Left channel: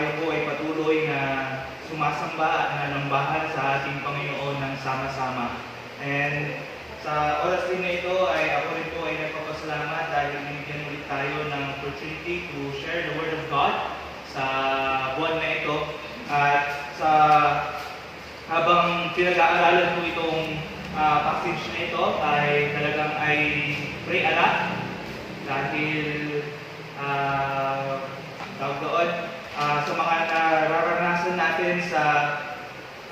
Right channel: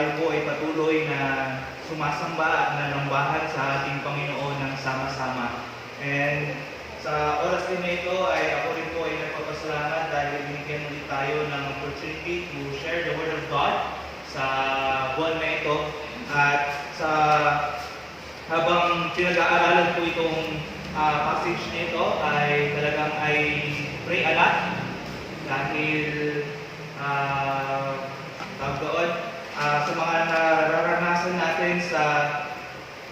tayo po ay patuloy na sumasamba at nanambahan sa ating Panginoon ng sama-sama. And sa oras din na ito ay ako rin po ay nagpapasalamat dahil binigyan ulit tayo ng opportunity to share the Word of God sa buwan na ito. At sa habang pinag-aaralan po itong passage na ito ay talagang ay pray a lot dahil sa mga nararanasan natin sa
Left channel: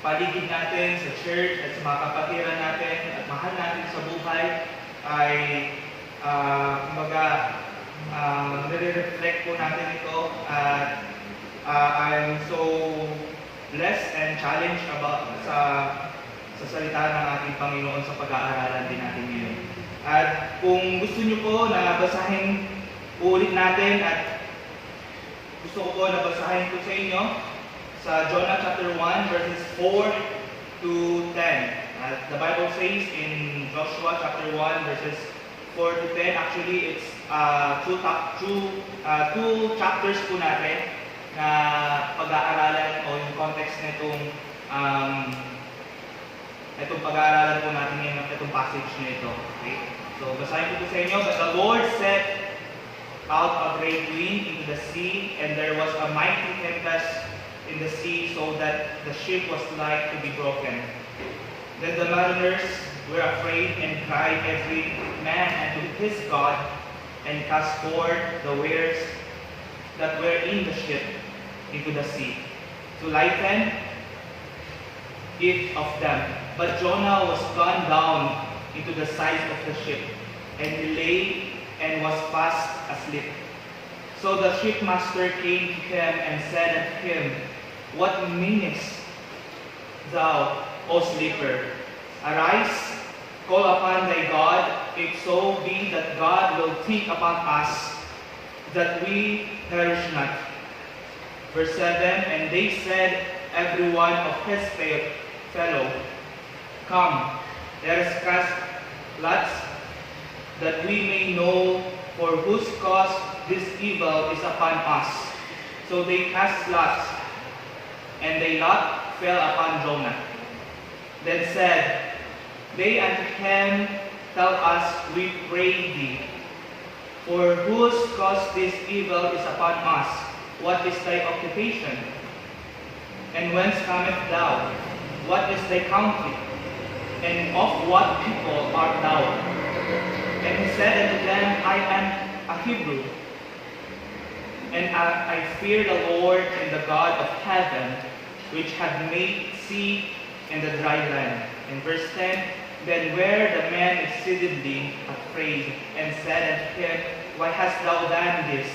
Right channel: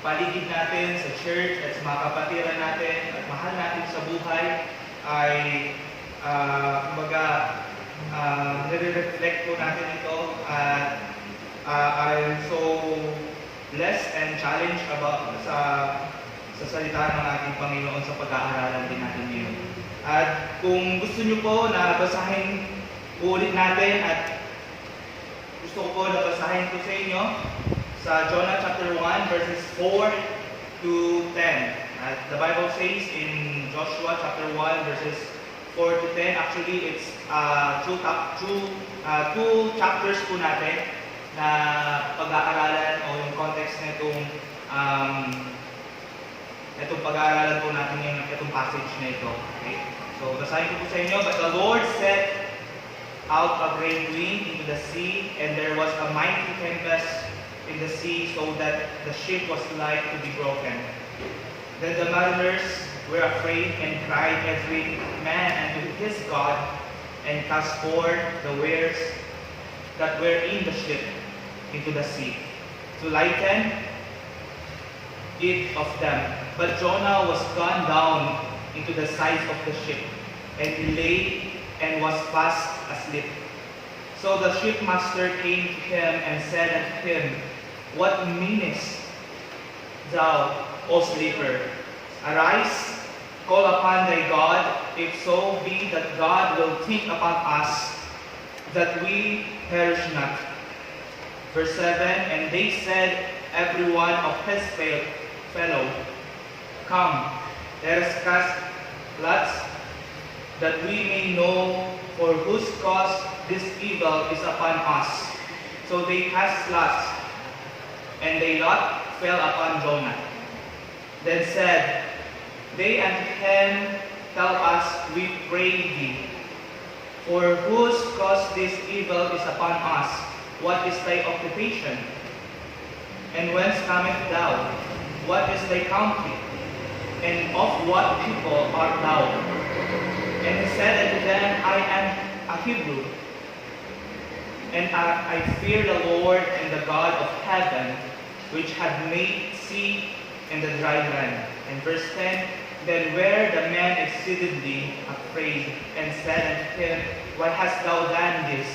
paligid natin, sa church at sa mga kapatiran natin at mahal natin sa buhay ay nire-reflect po natin ito at I'm so blessed and challenged about sa salita ng ating Panginoon sa pag-aaralan din natin ngayon. At kung gusto nyo po na basahin ulit natin at gusto ko po na basahin po sa inyo sa Jonah chapter 1 verses 4 to 10. The Bible says in Joshua chapter 1 verses 4 to 10, actually it's two chapters po natin na pag-aaralan o yung context na itong pag-aaralan po natin yung itong passage na ito. Okay? So, basahin ko po sa inyo. But the Lord set out a great wind into the sea, and there was a mighty tempest in the sea, so that the ship was like to be broken. Then the mariners were afraid and cried every man unto his God, and cast forth the wares that were in the ship into the sea, to lighten it of them. But Jonah was gone down into the sides of the ship, and he lay and was fast asleep. So the shipmaster came to him and said unto him, What meanest thou, O sleeper? Arise, call upon thy God, if so be that God will think upon us, that we perish not. Verse 7, And they said, every one of his fellow, Come, let us cast lots, that we may know for whose cause this evil is upon us. So they cast lots, and the lot fell upon Jonah. Then said they unto him, Tell us, we pray thee, for whose cause this evil is upon us? What is thy occupation? And whence comest thou? What is thy country? And of what people art thou? And he said unto them, I am a Hebrew, and I fear the Lord and the God of heaven, which had made sea and the dry land. And verse 10, Then were the men exceedingly afraid, and said unto him, Why hast thou done this?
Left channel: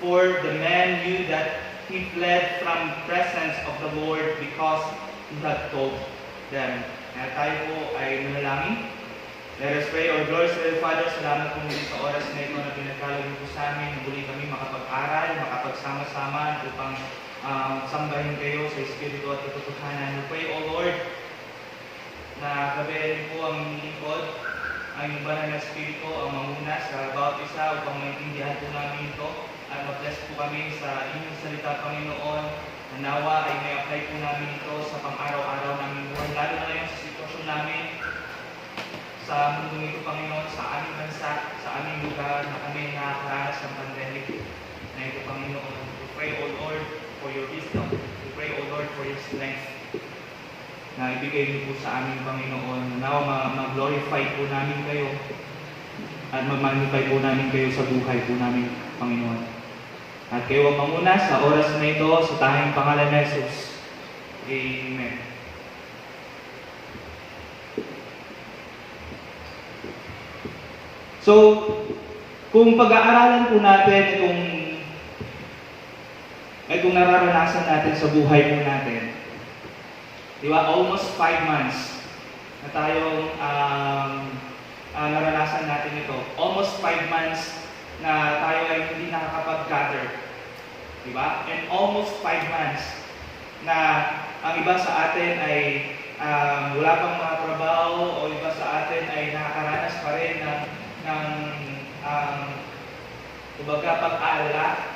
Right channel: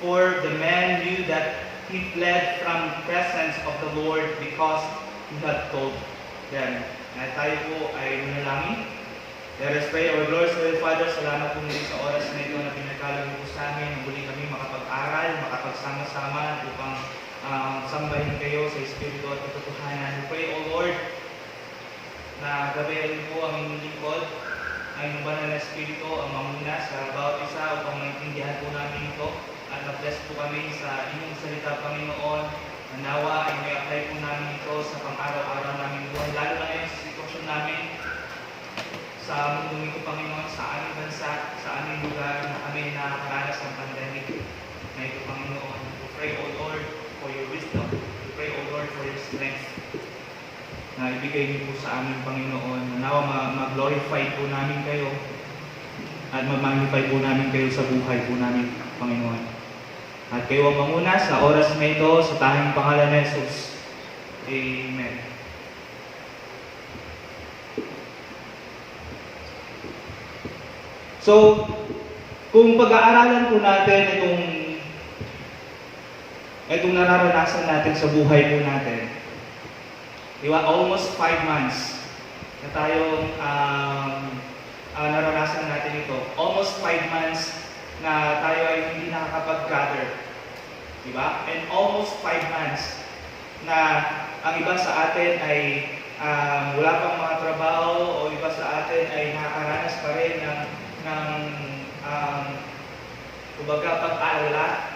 For the man knew that he fled from the presence of the Lord, because he had told them. Tayo po ay manalangin. Let us pray. Our glorious Father, salamat po muli sa oras na ito na pinagkalog mo sa amin. Muli kami makapag-aral, makapagsama-sama upang sambahin kayo sa Espiritu at katotohanan. We pray, O Lord, na gabayan po ang inyong lingkod, ang inyong banal na Espiritu, ang mamuna sa bawat isa upang maintindihan po namin ito. At ma-bless po kami sa inyong salita, Panginoon. Nawa ay may apply po namin ito sa pang-araw-araw namin buwan, lalo na ngayon sa sitwasyon namin sa mundong ito, Panginoon, sa aming bansa, sa aming lugar na kami nakakaranas ng pandemic na ito, Panginoon. We pray, O Lord, for your wisdom. We pray, O Lord, for your strength na ibigay niyo po sa aming Panginoon. Nawa ma-glorify po namin kayo at ma-magnify po namin kayo sa buhay po namin, Panginoon. At kayo ang manguna sa oras na ito sa tanging pangalan ni Jesus. Amen. So, kung pag-aaralan po natin itong nararanasan natin sa buhay po natin, di ba, almost 5 months na tayong naranasan natin ito. Almost 5 months na tayo ay hindi nakakapag-gather. Diba? And almost 5 months na ang iba sa atin ay wala pang mga trabaho, o iba sa atin ay nakakaranas pa rin ng kumbaga pag-aalala.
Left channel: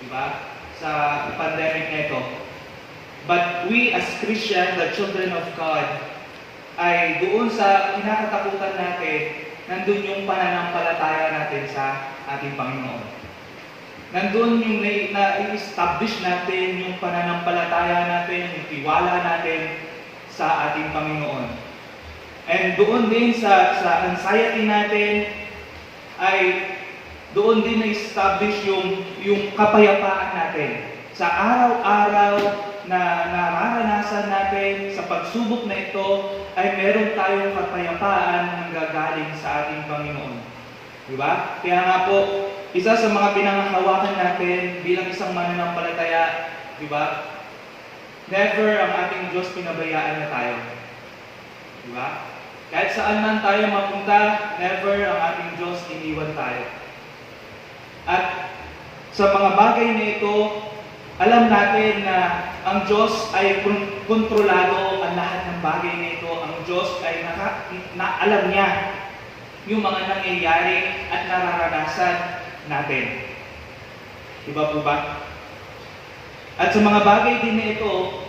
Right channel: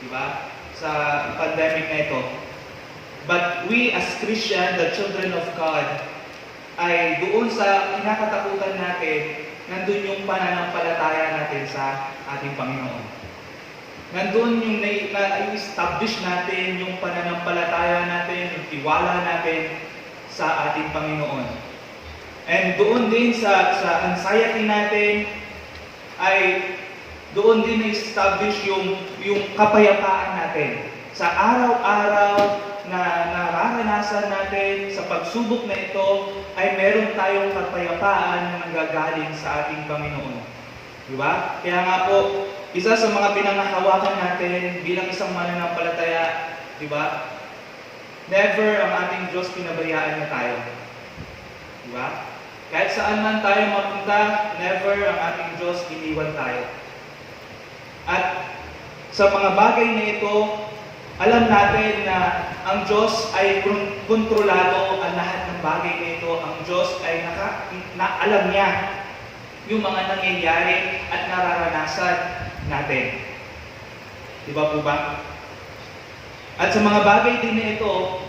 Diba? sa pandemic na ito. But we as Christian, the children of God, ay doon sa kinakatakutan natin, nandun yung pananampalataya natin sa ating Panginoon. Nandun yung na-establish natin yung pananampalataya natin, yung tiwala natin sa ating Panginoon. And doon din sa anxiety natin, ay doon din na-establish yung kapayapaan natin. Sa araw-araw na nararanasan natin, sa pagsubok na ito, ay meron tayong kapayapaan na nanggagaling sa ating Panginoon. Diba? Kaya nga po, isa sa mga pinangahawakan natin bilang isang mananampalataya, diba? Never ang ating Diyos pinabayaan niya tayo. Diba? Kahit saan man tayo mapunta, never ang ating Diyos iniwan tayo. At sa mga bagay na ito, alam natin na ang Diyos ay kontrolado ang lahat ng bagay na ito. Ang Diyos ay alam niya yung mga nangyayari at nararanasan natin. Di ba po ba? At sa mga bagay din na ito,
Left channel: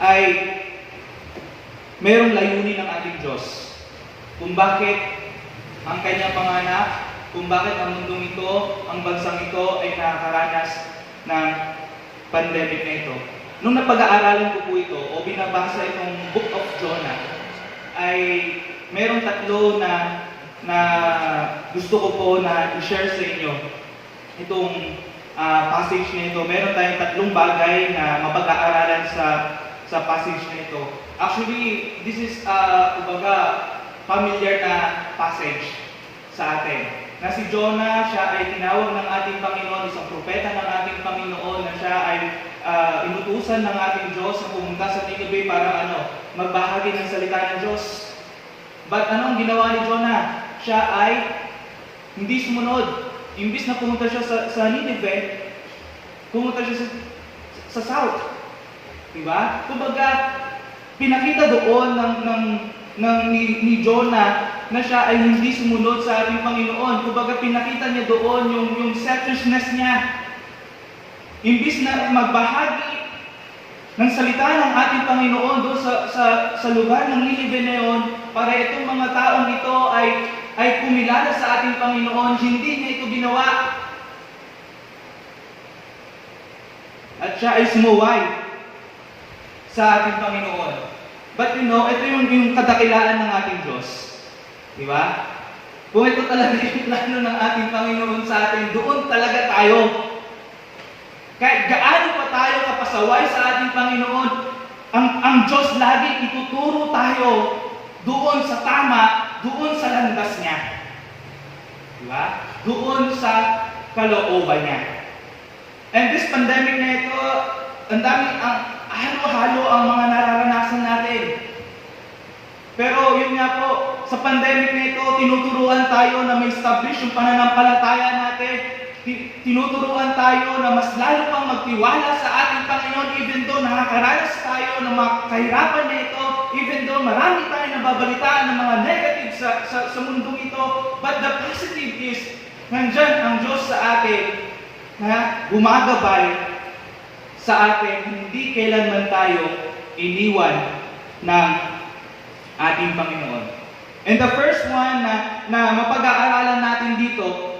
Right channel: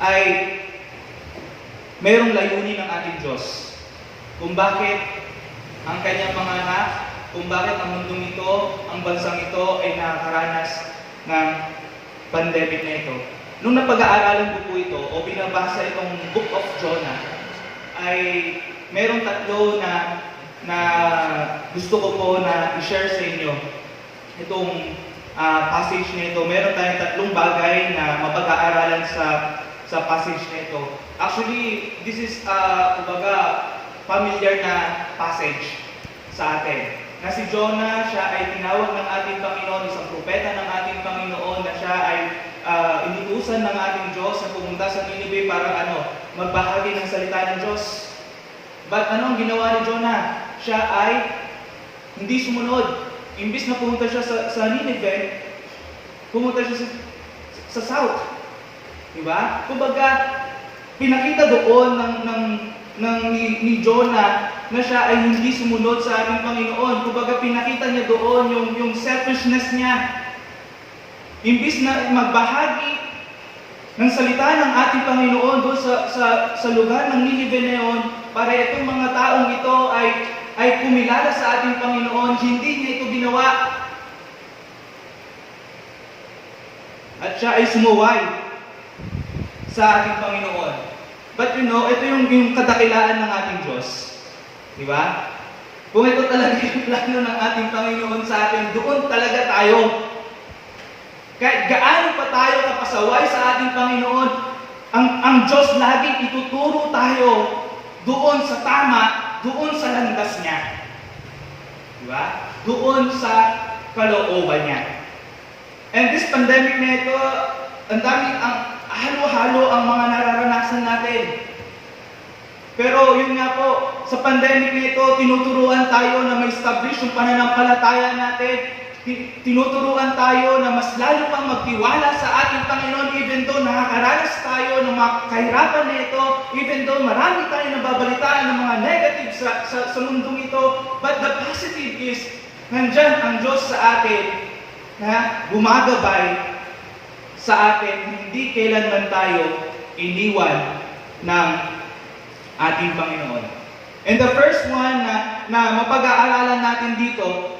ay mayroong layunin ng ating Diyos. Kung bakit ang kanyang mga anak, kung bakit ang mundong ito, ang bansang ito ay nakakaranas ng pandemic na ito. Nung napag-aaralan ko po ito o binabasa itong Book of Jonah, ay merong tatlo na gusto ko po na i-share sa inyo. Itong passage na ito, meron tayong tatlong bagay na mapag-aaralan sa passage na ito. Actually, this is familiar na passage sa atin. Na si Jonah, siya ay tinawag ng ating Panginoon, isang propeta ng ating Panginoon, na siya ay inutusan ng ating Diyos na pumunta sa Nineveh para magbahagi ng salita ng Diyos. But ano ang ginawa ni Jonah? Siya ay hindi sumunod. Imbis na pumunta siya sa Nineveh, pumunta siya sa south. Diba? Kumbaga, pinakita doon ni Jonah na siya ay hindi sumunod sa ating Panginoon. Kumbaga, pinakita niya doon yung selfishness niya. Imbis na magbahagi ng salita ng ating Panginoon doon sa lugar ng Nineveh na yun, para itong mga taong ito ay kumilala sa ating Panginoon, hindi niya ito ginawa. At siya ay sumuway sa ating Panginoon. But ito yung kadakilaan ng ating Diyos. Diba? Kung ito talaga yung plano ng ating Panginoon sa atin, doon talaga tayo. Kahit gaano pa tayo kapasaway sa ating Panginoon, ang Diyos lagi ituturo tayo doon sa tama, doon sa landas niya. Diba? Doon sa kalooban niya. And this pandemic na ito, ang halo-halo ang mga nararanasan natin. Pero yun nga po, sa pandemic na ito, tinuturuan tayo na ma-establish yung pananampalataya natin. Tinuturuan tayo na mas lalo pang magtiwala sa ating Panginoon even though nakakaranas tayo ng mga kahirapan na ito, even though marami tayo nababalitaan ng mga negative sa mundong ito. But the positive is, nandyan ang Diyos sa atin na gumagabay sa atin, hindi kailanman tayo iniwan ng ating Panginoon. And the first one na mapag-aaralan natin dito,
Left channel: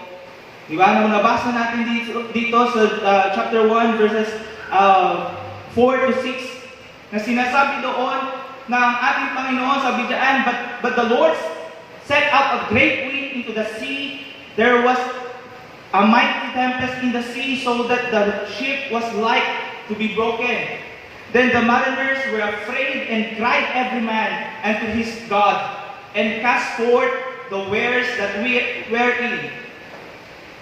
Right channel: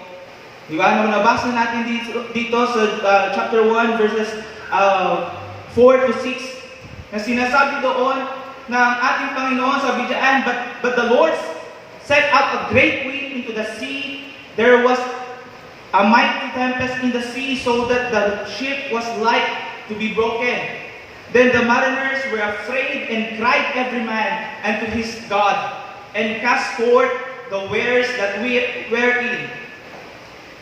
di ba? Nabasa natin dito sa chapter 1 verses 4 to 6 na sinasabi doon na ang ating Panginoon sabi diyan, but the Lord set out a great wind into the sea. There was a mighty tempest in the sea so that the ship was like to be broken. Then the mariners were afraid and cried every man unto his God, and cast forth the wares that were in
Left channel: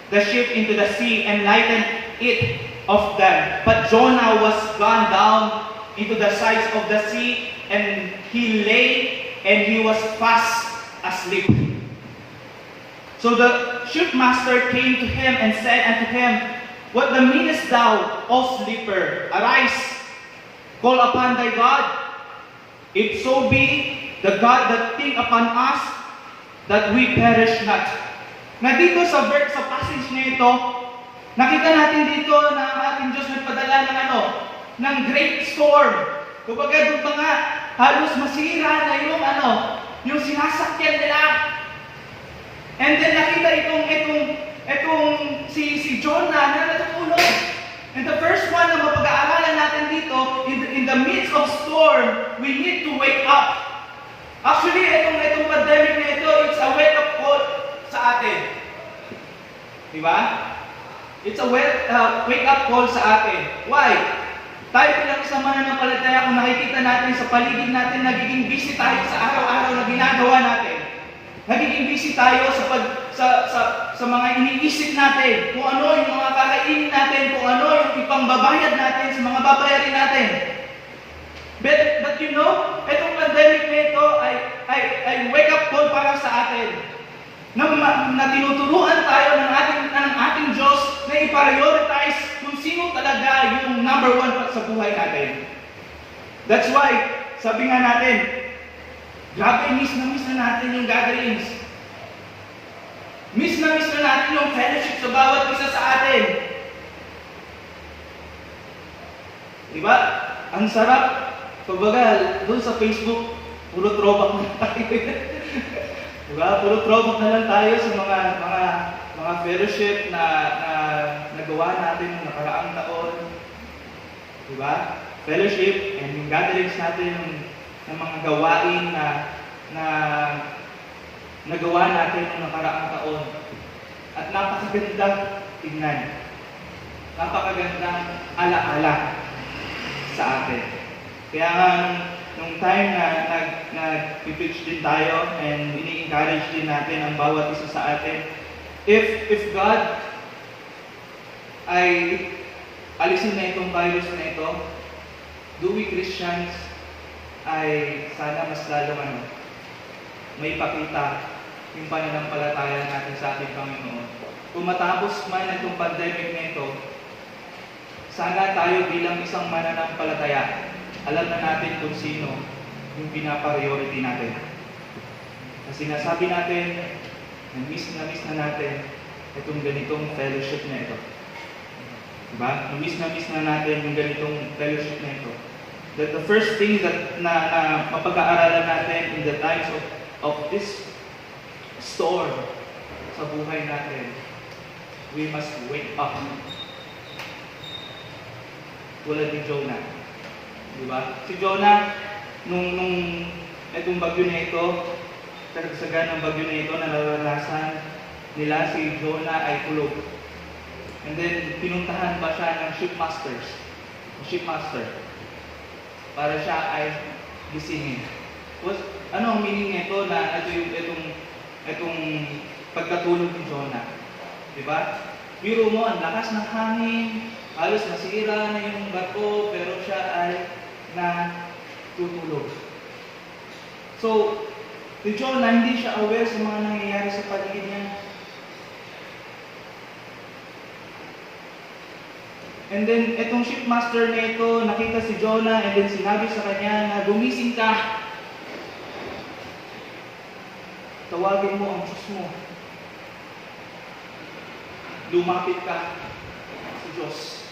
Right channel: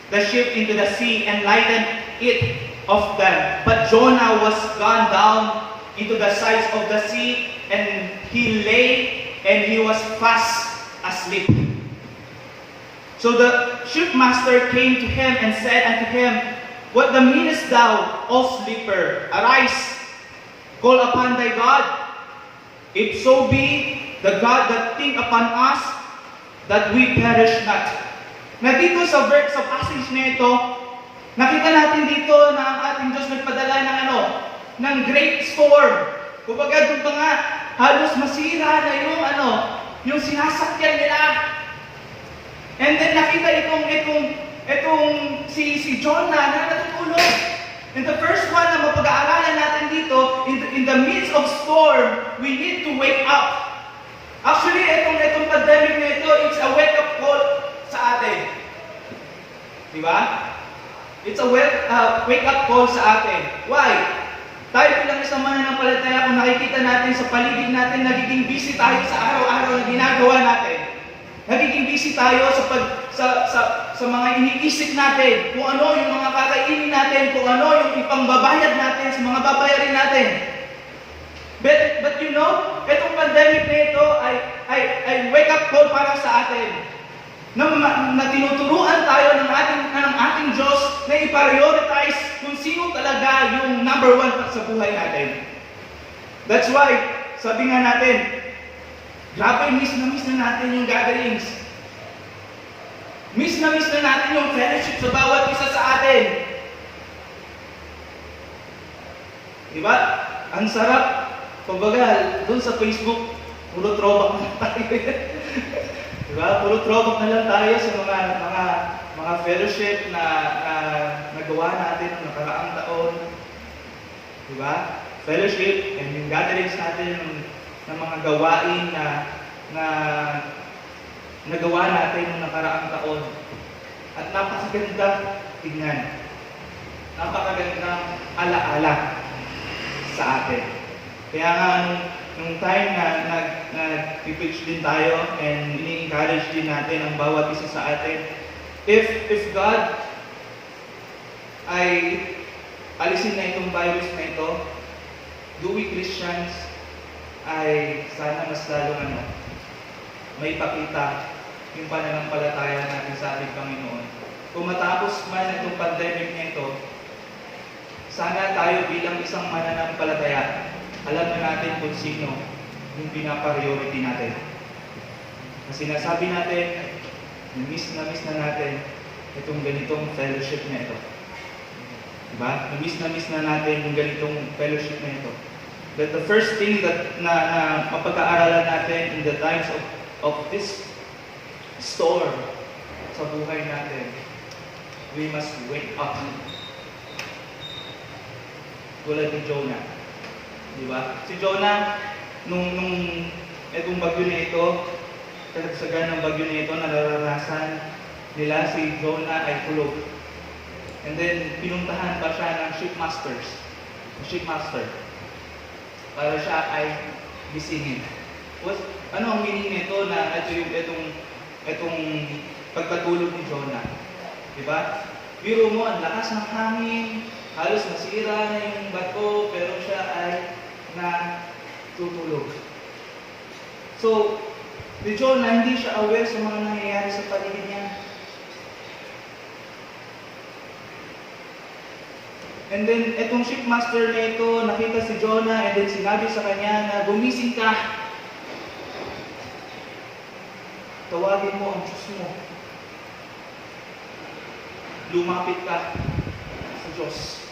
the ship into the sea, and lightened it of them. But Jonah was gone down into the sides of the sea, and he lay, and he was fast asleep. So the shipmaster came to him and said unto him, What meanest thou, O sleeper? Arise, call upon thy God. If so be, the God that think upon us, that we perish not. Na dito sa passage na ito, Nakita natin dito na ang ating Diyos nagpadala ng great storm. Kumbaga doon pa nga, halos masira na yung sinasakyan nila. And then nakita itong si Jonah na natutulog. And the first one na mapag-aaralan natin dito, in the midst of storm, we need to wake up. Actually, itong pandemic na ito, it's a wake-up call sa atin. Diba? It's a wake-up call sa atin. Why? Tayo bilang isang mananampalataya, kung nakikita natin sa paligid natin, nagiging busy tayo sa araw-araw na ginagawa natin. Nagiging busy tayo sa mga iniisip natin, kung ano yung mga kakainin natin, kung ano yung ipangbabayad natin sa mga babayarin natin. But you know, itong pandemic na ito ay wake-up call para sa atin. Na tinuturuan tayo ng ating Diyos na i-prioritize kung sino talaga yung number one sa buhay natin. That's why, sabi nga natin, grabe, miss na natin yung gatherings. Miss na natin yung fellowship sa bawat isa sa atin. Diba? Ang sarap. Pagbaga, doon sa Facebook, puro throwback na tayo. Diba? Puro throwback na lang tayo sa mga fellowship na nagawa natin ng nakaraang taon. Diba? Fellowship and yung gatherings natin ng mga gawain na nagawa natin ng nakaraang taon. At napakaganda tignan. Napakagandang alaala sa atin. Kaya nga, nung time na nag-preach din tayo and ini-encourage din natin ang bawat isa sa atin, if God ay alisin na itong virus na ito, do we Christians ay sana mas lalong may ipakita yung pananampalataya natin sa ating Panginoon. Kung matapos man itong pandemic na ito, sana tayo bilang isang mananampalataya, alam na natin kung sino yung pinapriority natin. Kasi nasabi natin, na-miss na natin itong ganitong fellowship na ito. Diba? Na-miss na natin yung ganitong fellowship na ito. That the first thing that na mapag-aaralan natin in the times of this storm sa buhay natin, we must wake up. Tulad ni Jonah. Diba? Si Jonah, nung itong bagyo na ito, kasagsagan ng bagyo na ito, nararanasan nila si Jonah ay kulog. And then, pinuntahan pa siya ng shipmaster, para siya ay gisingin. Ano ang meaning nito na itong pagkatulog ni Jonah? Diba? Biro mo, ang lakas ng hangin, halos nasira na yung bato, pero siya ay natutulog. So, si Jonah, hindi siya aware sa mga nangyayari sa paligid niya. And then, itong shipmaster na ito, nakita si Jonah, and then sinabi sa kanya na, gumising ka. Tawagin mo ang Diyos mo. Lumapit ka sa Diyos.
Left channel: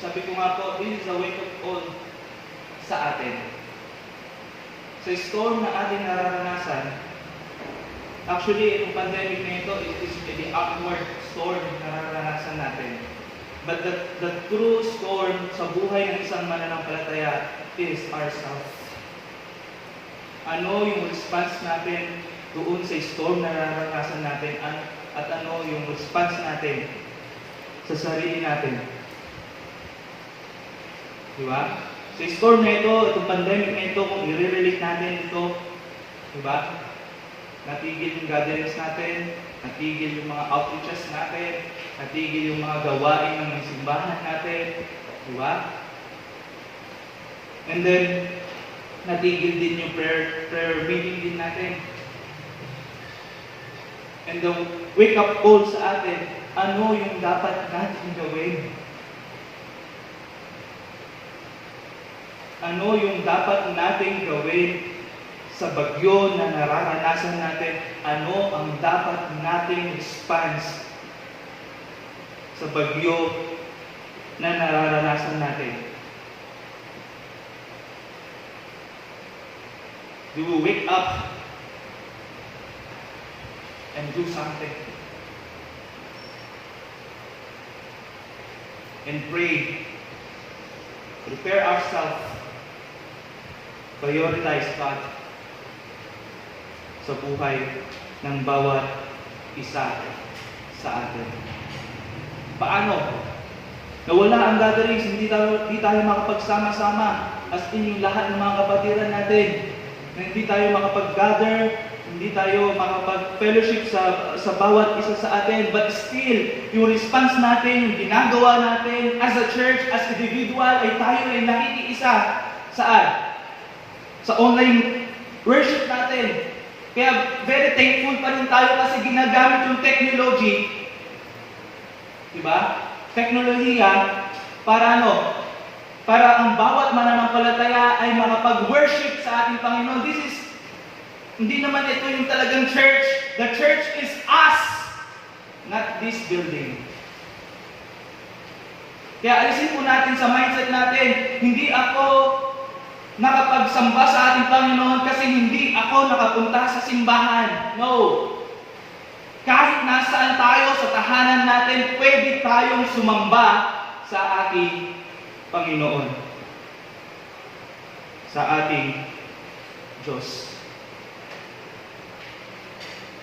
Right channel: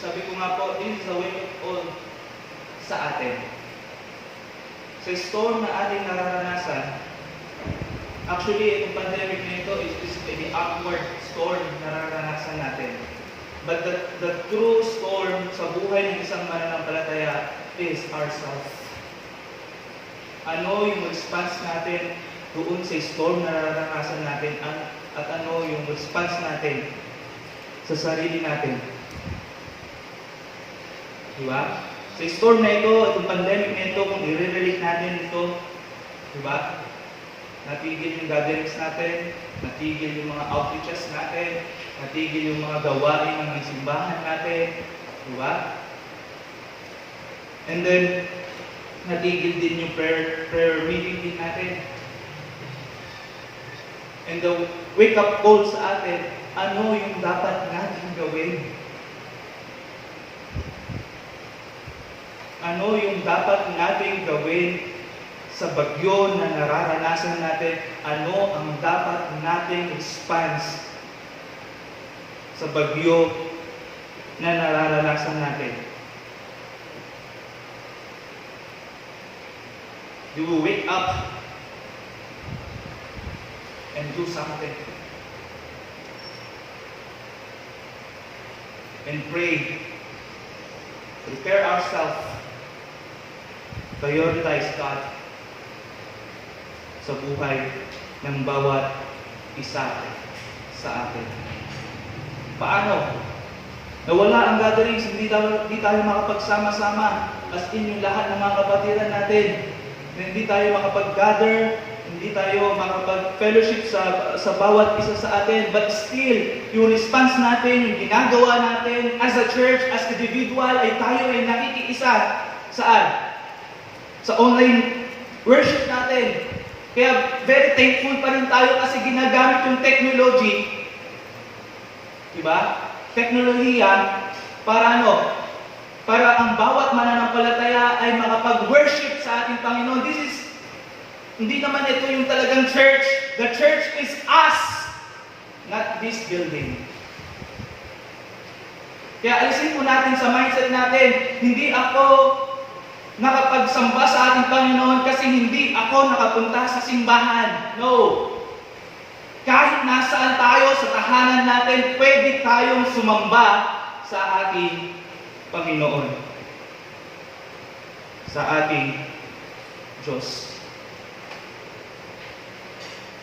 Sabi ko nga po, this is a wake-up call sa atin. Sa storm na ating nararanasan, actually, itong pandemic na ito is the upward storm na nararanasan natin. But the true storm sa buhay ng isang mananampalataya is ourselves. Ano yung response natin doon sa storm na nararanasan natin at ano yung response natin sa sarili natin. Diba? Sa storm na ito, itong pandemic na ito, kung i-relate natin ito, diba? Natigil yung gatherings natin, natigil yung mga outreaches natin, natigil yung mga gawain ng simbahan natin, diba? And then, natigil din yung prayer meeting din natin. And the wake-up call sa atin, ano yung dapat natin gawin? Ano yung dapat natin gawin sa bagyo na nararanasan natin? Ano ang dapat nating response sa bagyo na nararanasan natin. We will wake up and do something. And pray. Prepare ourselves. Prioritize God sa buhay ng bawat isa sa atin. Paano? Nawala ang gatherings, hindi tayo makapagsama-sama as in yung lahat ng mga kapatiran natin. Hindi tayo makapag-gather, hindi tayo makapag-fellowship sa bawat isa sa atin. But still, yung response natin, yung ginagawa natin as a church, as individual, ay tayo ay nakikiisa. Saan? Sa online worship natin. Kaya very thankful pa rin tayo kasi ginagamit yung technology. Diba? Teknolohiya para ano? Para ang bawat mananampalataya ay makapag-worship sa ating Panginoon. Hindi naman ito yung talagang church. The church is us, not this building. Kaya alisin po natin sa mindset natin, hindi ako nakapagsamba sa ating Panginoon kasi hindi ako nakapunta sa simbahan. No. Kahit nasaan tayo sa tahanan natin, pwede tayong sumamba sa ating Panginoon. Sa ating Diyos.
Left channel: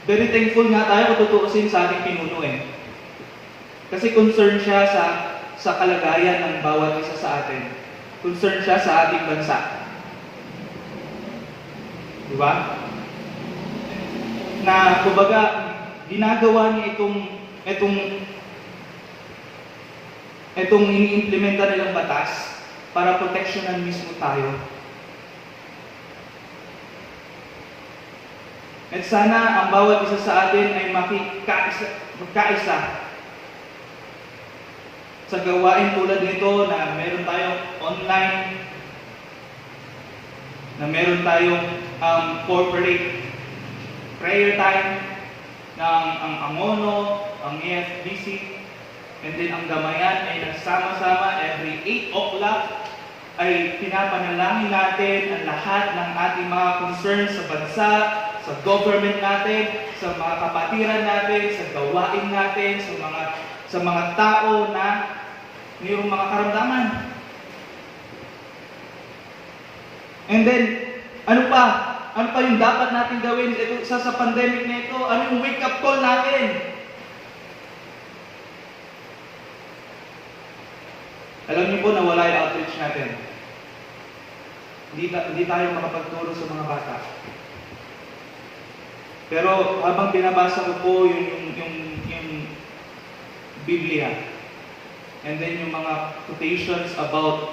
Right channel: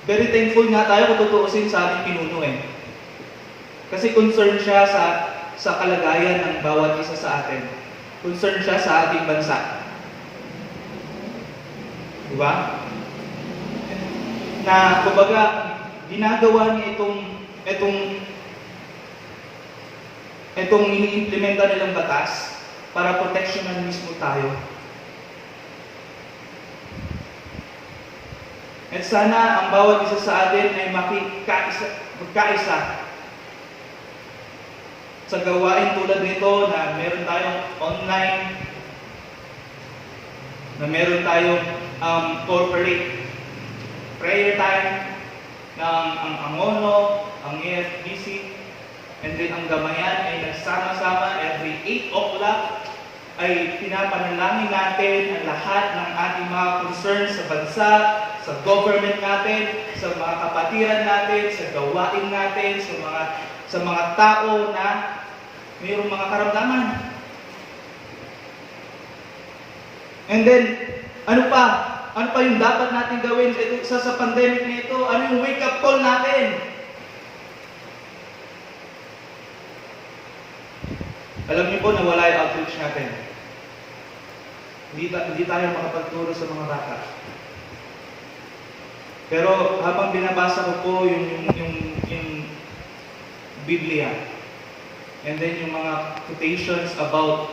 Very thankful nga tayo kung tutuusin sa ating pinuno Kasi concerned siya sa kalagayan ng bawat isa sa atin. Concerned siya sa ating bansa. Diba? Na, kumbaga, ginagawa niya itong ini-implementa nilang batas para proteksyonan mismo tayo. At sana ang bawat isa sa atin ay magkaisa sa gawain tulad nito na meron tayong online, na meron tayong corporate prayer time ng ang Angono, ang AFBC, and then ang Gamayan ay nagsama-sama every 8 o'clock ay pinapanalangin natin ang lahat ng ating mga concerns sa bansa, sa government natin, sa mga kapatiran natin, sa gawain natin, sa mga tao na mayroong mga karamdaman. And then, ano pa yung dapat natin gawin sa pandemic na ito? Ano yung wake-up call natin? Alam niyo po na wala yung outreach natin. Hindi tayo makapagturo sa mga bata. Pero habang binabasa ko po yung Biblia, and then yung mga quotations about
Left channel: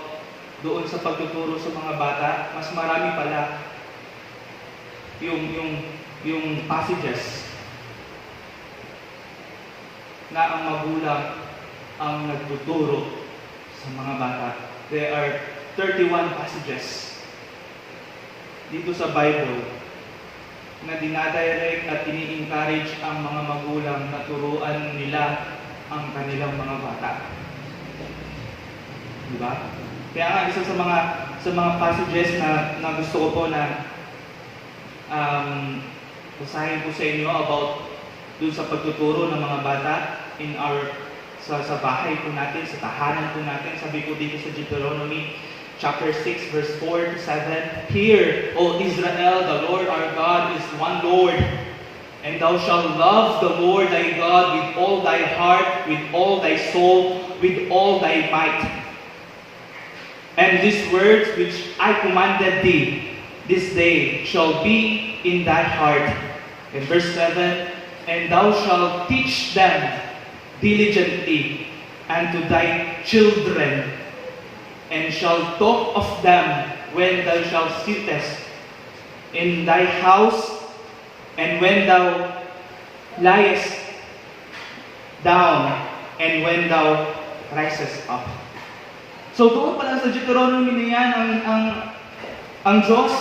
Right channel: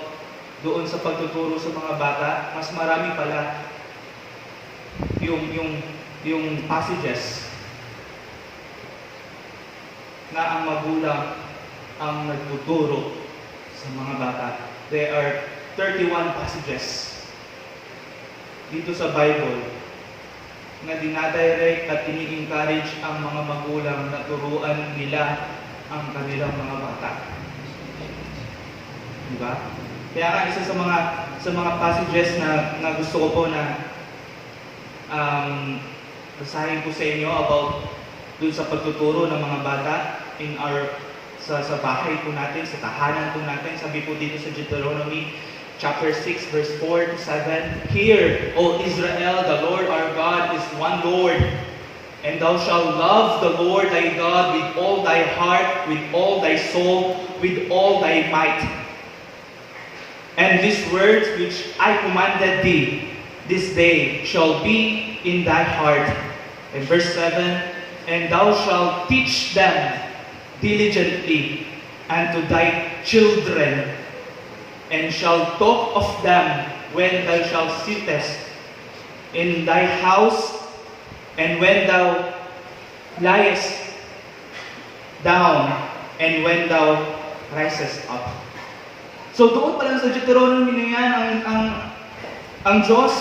doon sa pagtuturo sa mga bata, mas marami pala yung passages na ang magulang ang nagtuturo sa mga bata. There are 31 passages dito sa Bible na dinadirect at ini-encourage ang mga magulang na turuan nila ang kanilang mga bata. Diba? Kaya nga isa sa mga passages na gusto ko po na basahin ko sa inyo about dun sa pagtuturo ng mga bata sa bahay po natin, sa tahanan po natin. Sabi po dito sa Deuteronomy chapter 6 verse 4 to 7, "Hear, O Israel, the Lord our God is one Lord, and thou shalt love the Lord thy God with all thy heart, with all thy soul, with all thy might. And these words which I commanded thee this day shall be in thy heart." And verse 7, "And thou shalt teach them diligently unto thy children, and shalt talk of them when thou shalt sittest in thy house, and when thou liest down, and when thou risest up." So doon pa lang sa Deuteronomy na yan, ang Diyos,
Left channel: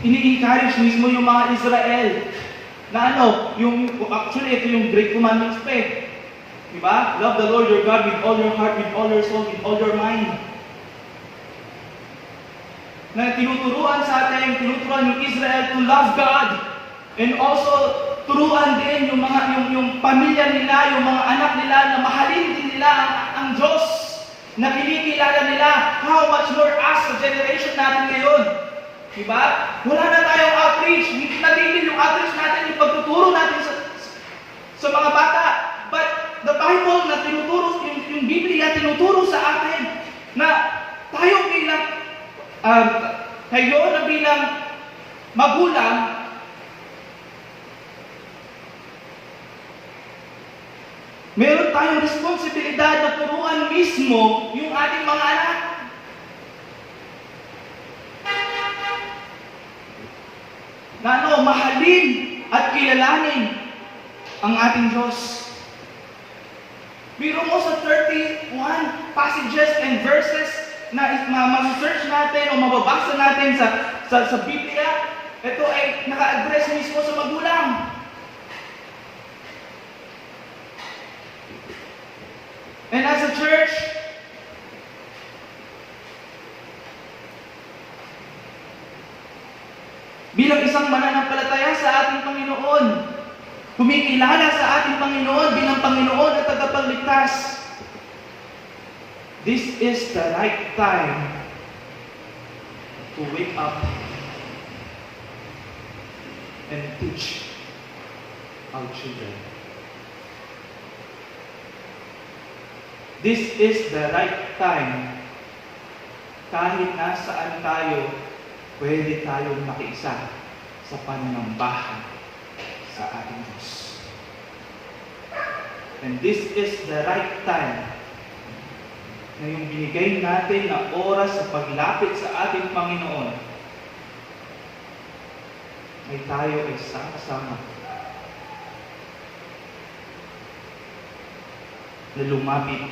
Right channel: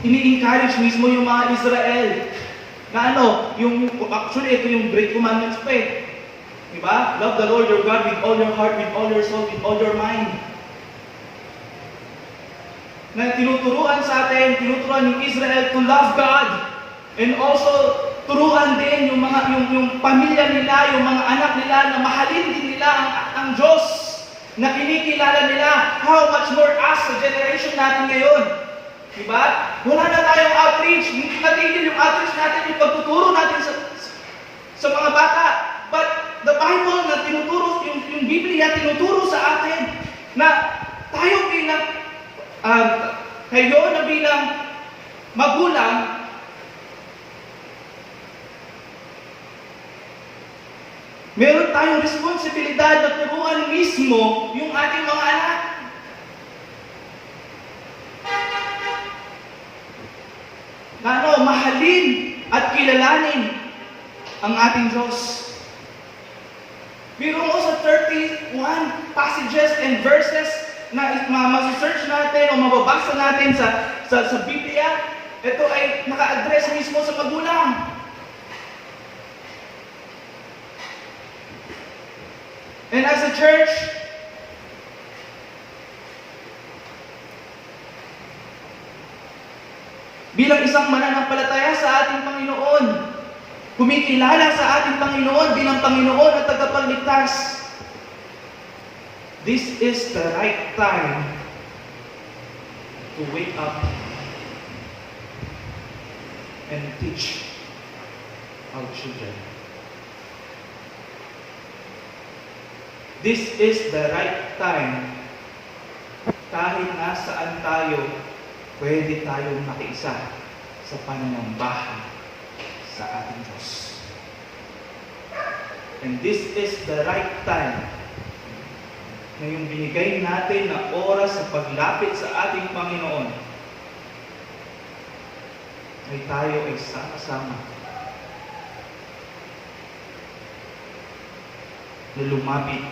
ini-encourage mismo yung mga Israel na actually ito yung Great Commandments pa Diba? Love the Lord your God with all your heart, with all your soul, with all your mind. Na tinuturuan sa atin, tinuturuan yung Israel to love God. And also, turuan din yung pamilya nila, yung mga anak nila, na mahalin din nila ang Diyos. Na kinikilala nila. How much more us, sa generation natin ngayon. Diba? Wala na tayong outreach. Natigil yung outreach natin, yung pagtuturo natin sa mga bata. But the Bible na tinuturo, yung Biblia tinuturo sa atin na tayo bilang kayo na bilang magulang, meron tayong responsibilidad na turuan mismo yung ating mga anak. Na mahalin at kilalanin ang ating Diyos. Biro mo sa 31 passages and verses na ma-search natin o mababasa natin sa Biblia, ito ay naka-address mismo sa magulang. And as a church, bilang isang mananampalataya sa ating Panginoon, kumikilala sa ating Panginoon bilang Panginoon at tagapagligtas, this is the right time to wake up and teach our children. This is the right time. Kahit nasaan tayo, pwede tayong makiisa sa pananambahan sa ating Diyos. And this is the right time na yung binigay natin na oras sa paglapit sa ating Panginoon ay tayo ay sama-sama na lumapit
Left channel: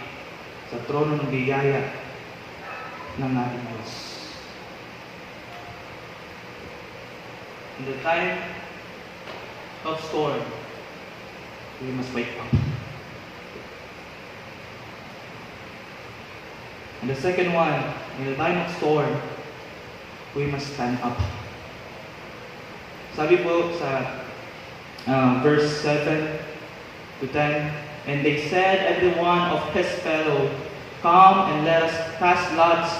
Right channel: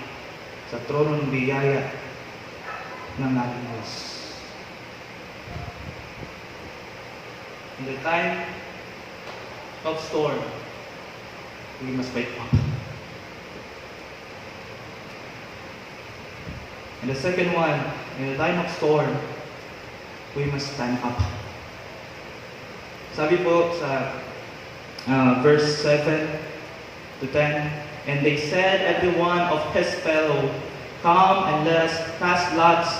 sa trono ng biyaya ng ating Diyos. In the time of storm, we must wake up. And the second one, in the time of storm, we must stand up. Sabi po sa verse 7 to 10, and they said, every one of his fellow, come and let us cast lots,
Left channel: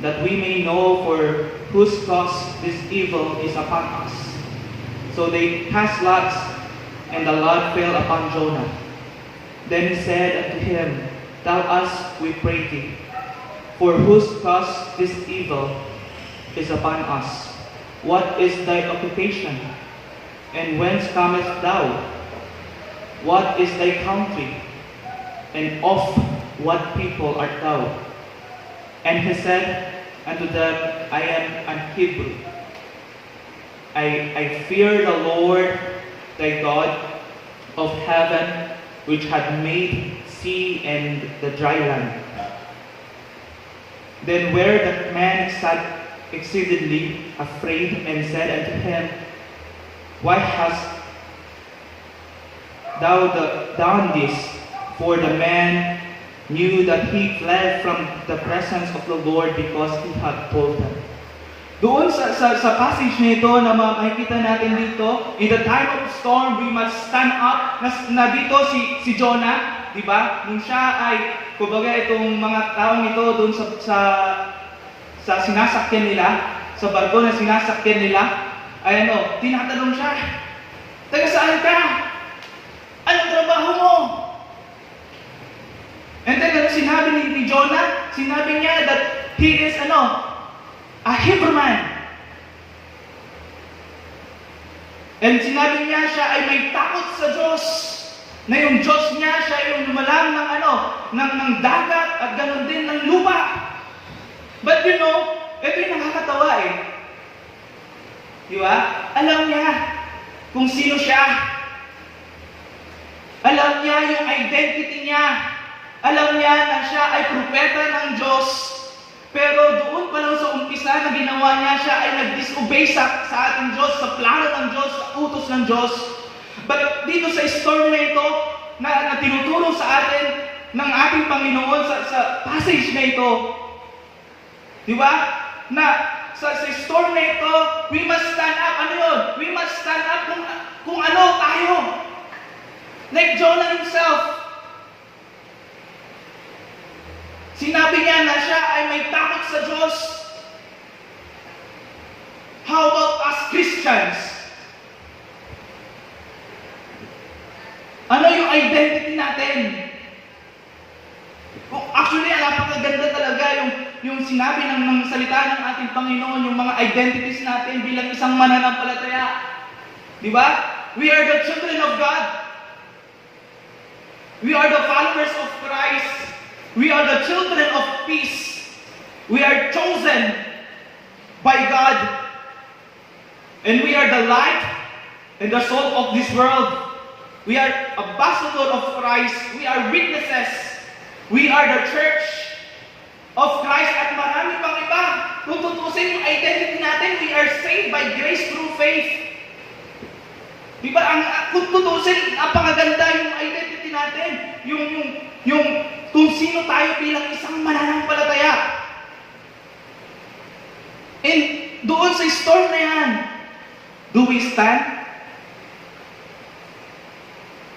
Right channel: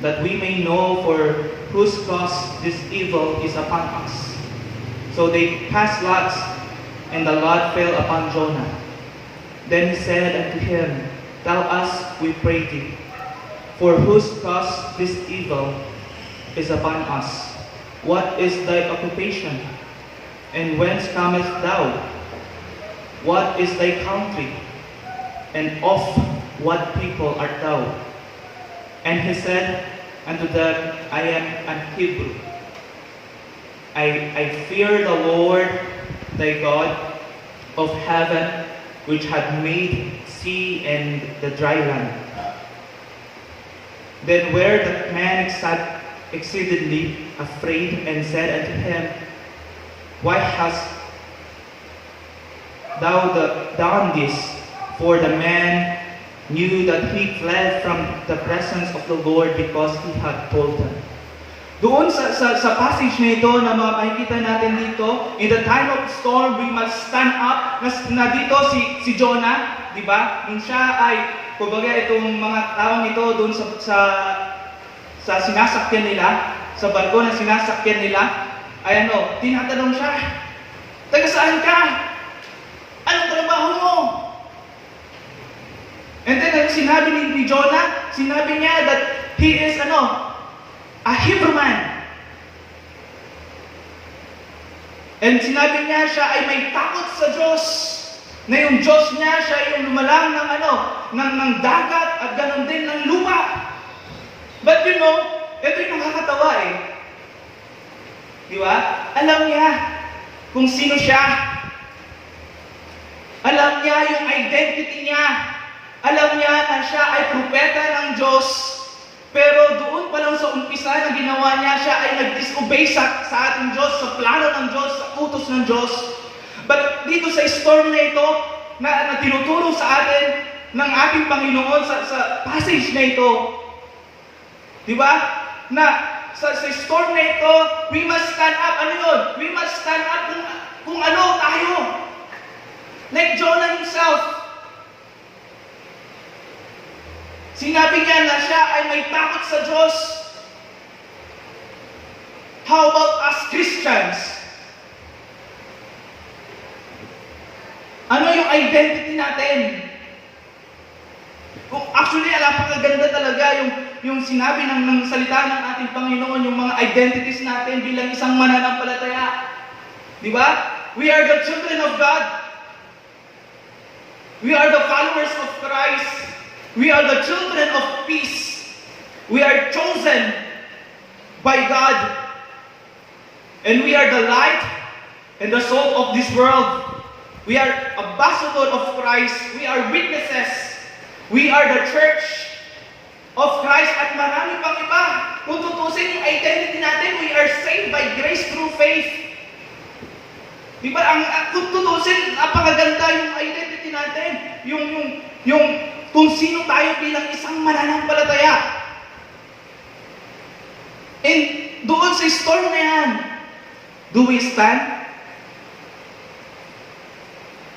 that we may know for whose cause this evil is upon us. So they cast lots, and the lot fell upon Jonah. Then he said unto him, tell us, we pray thee, for whose cause this evil is upon us. What is thy occupation? And whence comest thou? What is thy country? And of what people art thou? And he said unto them, I am an Hebrew. I fear the Lord thy God of heaven, which had made sea and the dry land. Then were the man exceedingly afraid, and said unto him, why hast thou done this? For the man knew that he fled from the presence of the Lord, because he had told him. Doon sa passage na ito na makikita natin dito, in the time of storm, we must stand up. Na dito si Jonah, di ba? Nung siya ay, kumbaga itong mga taong ito doon sa sinasakyan nila, sa barko na sinasakyan nila, ay tinatanong siya, taga saan ka? Anong trabaho mo? And then sinabi ni Jonah, sinabi niya that he is a Hebrew man. And sinabi niya siya ay may takot sa Diyos. Na yung Diyos niya, siya yung lumalang ng dagat at ganoon din ng lupa. But ito yung nakakatawa eh. Di ba? Alam niya kung sino siya. Alam niya yung identity niya. Alam niya na siya ay propeta ng Diyos. Pero doon pa lang sa umpisa na ginawa niya, siya ay nag-disobey sa ating Diyos, sa plano ng Diyos, sa utos ng Diyos. But dito sa storm na ito, na tinuturo sa atin ng ating Panginoon sa passage na ito. Di ba? Na sa storm na ito, we must stand up. Ano yun? We must stand up kung ano tayo. Like Jonah himself. Sinabi niya na siya ay may takot sa Diyos. How about us Christians? Ano yung identity natin? Actually, napakaganda talaga yung sinabi ng salita ng ating Panginoon, yung mga identities natin bilang isang mananampalataya. Di ba? We are the children of God. We are the followers of Christ. We are the children of peace. We are chosen by God. And we are the light and the salt of this world. We are ambassador of Christ. We are witnesses. We are the church of Christ at marami pang iba. Kung tutusin yung identity natin, we are saved by grace through faith. Diba, kung tutusin, napakaganda yung identity natin. Yung kung sino tayo bilang isang mananampalataya. And doon sa storm na yan, do we stand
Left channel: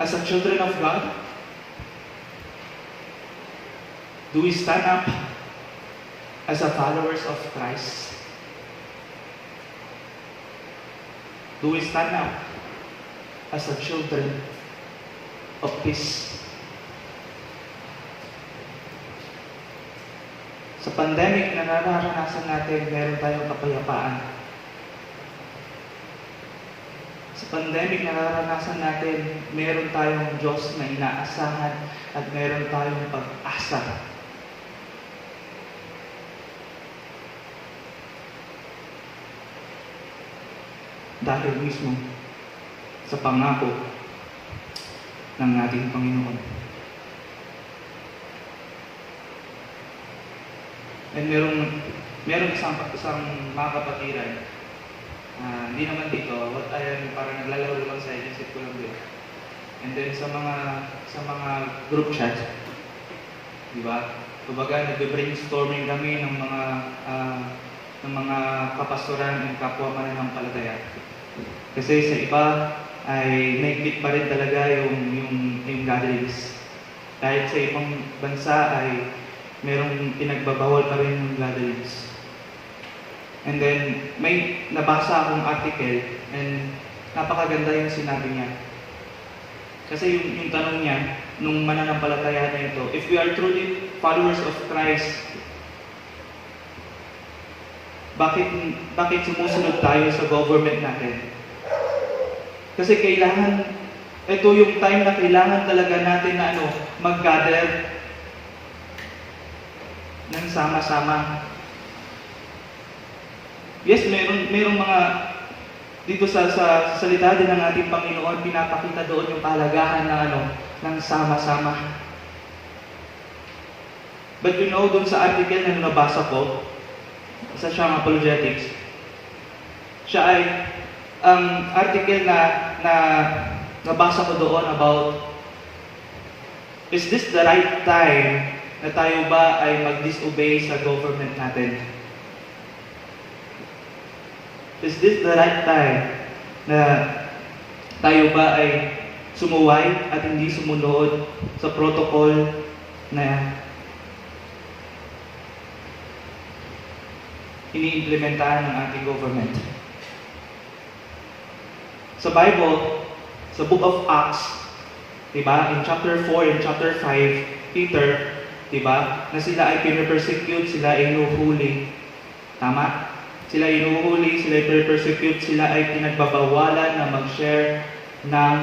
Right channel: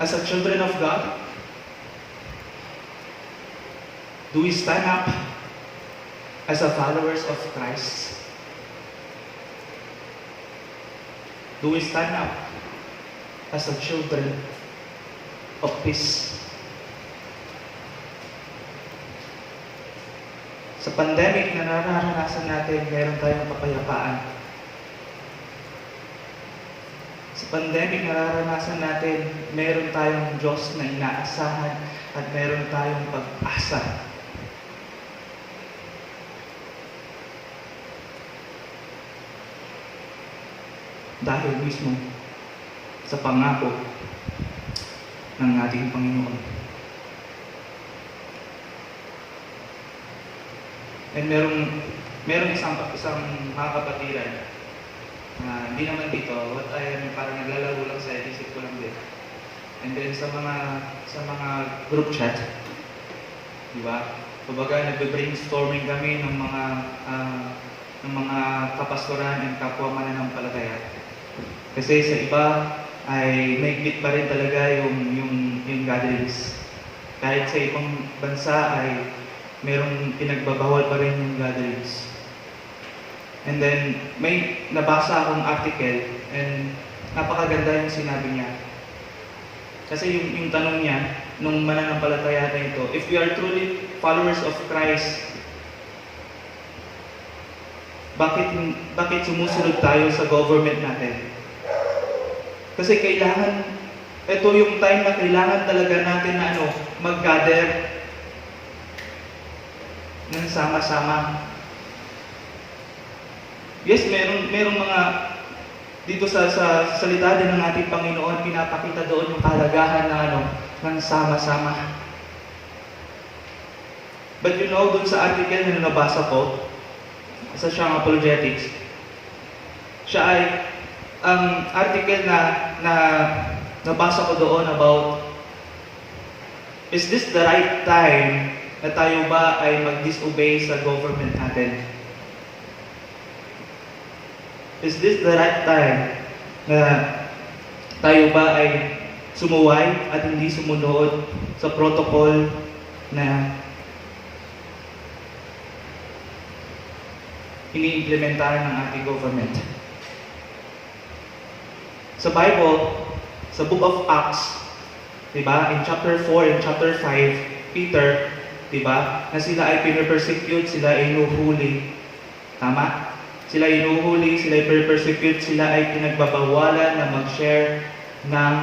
as a children of God? Do we stand up as a followers of Christ? Do we stand up as a children of peace? Sa pandemic na nararanasan natin, meron tayong kapayapaan. Sa pandemic na nararanasan natin, meron tayong Diyos na inaasahan at meron tayong pag-asa. Dahil mismo sa pangako ng ating Panginoon. And meron isang mga kapatiran, hindi naman dito, what I am parang naglalaro lang sa isip ko lang din. And then sa mga group chat, di ba? Kumbaga nag-brainstorming kami ng mga kapastoran and kapwa mananampalataya. Kasi sa iba ay mahigpit pa rin talaga yung gatherings. Kahit sa ibang bansa ay merong pinagbabawal pa rin yung gatherings. And then, may nabasa akong article and napakaganda yung sinabi niya. Kasi yung tanong niya, nung mananampalataya na ito, if we are truly followers of Christ, bakit sumusunod tayo sa government natin? Kasi ito yung time na kailangan talaga natin na mag-gather ng sama-sama. Yes, merong mga dito sa salita din ng ating Panginoon, pinapakita doon yung kahalagahan ng sama-sama. But doon sa article na nabasa ko, sa siyang apologetics, siya ay ang article na nabasa ko doon about, is this the right time na tayo ba ay mag-disobey sa government natin? Is this the right time na tayo ba ay sumuway at hindi sumunod sa protocol na ini-implementahan ng ating government? Sa Bible, sa Book of Acts, diba, in chapter 4 and chapter 5, Peter, diba, na sila ay pinapersecute, sila ay inuhuli. Tama? Sila ay inuhuli, sila ay pinapersecute, sila ay pinagbabawalan na mag-share ng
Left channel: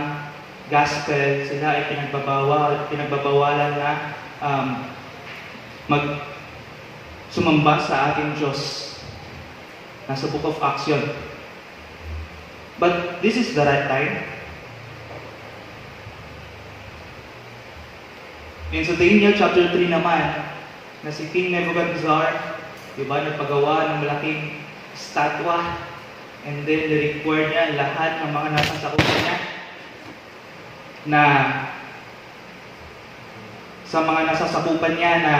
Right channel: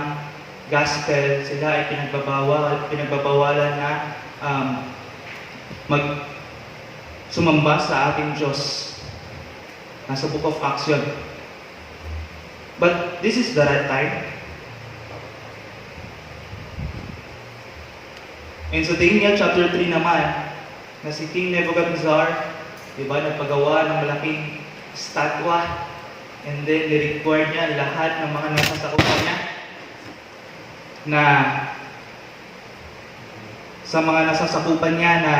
gospel, sila ay pinagbabawalan na sumamba sa ating Diyos. Nasa Book of Acts yun. But this is the right time. In sa Daniel chapter 3 naman, na si King Nebuchadnezzar, diba, nagpagawa ng malaking statwa, and then ni-require niya lahat ng mga nasa sakupan niya na sa mga nasasakupan niya na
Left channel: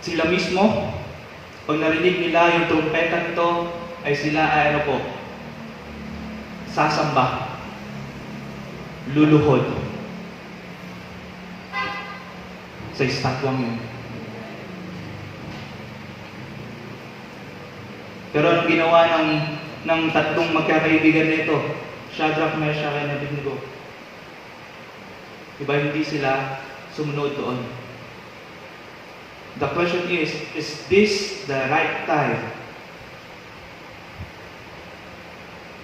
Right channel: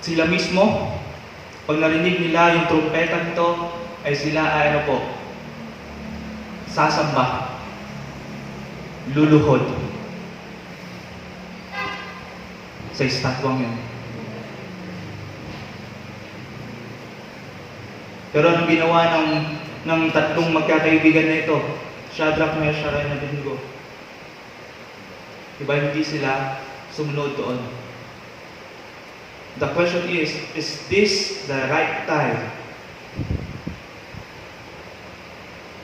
sila mismo, pag narinig nila yung trumpeta nito, ay sila ay sasamba, luluhod sa estatwang yun. Pero anong ginawa ng tatlong magkakaibigan na ito? Shadrach, Meshach, and Abednego. Diba hindi sila sumunod doon? The question is this the right time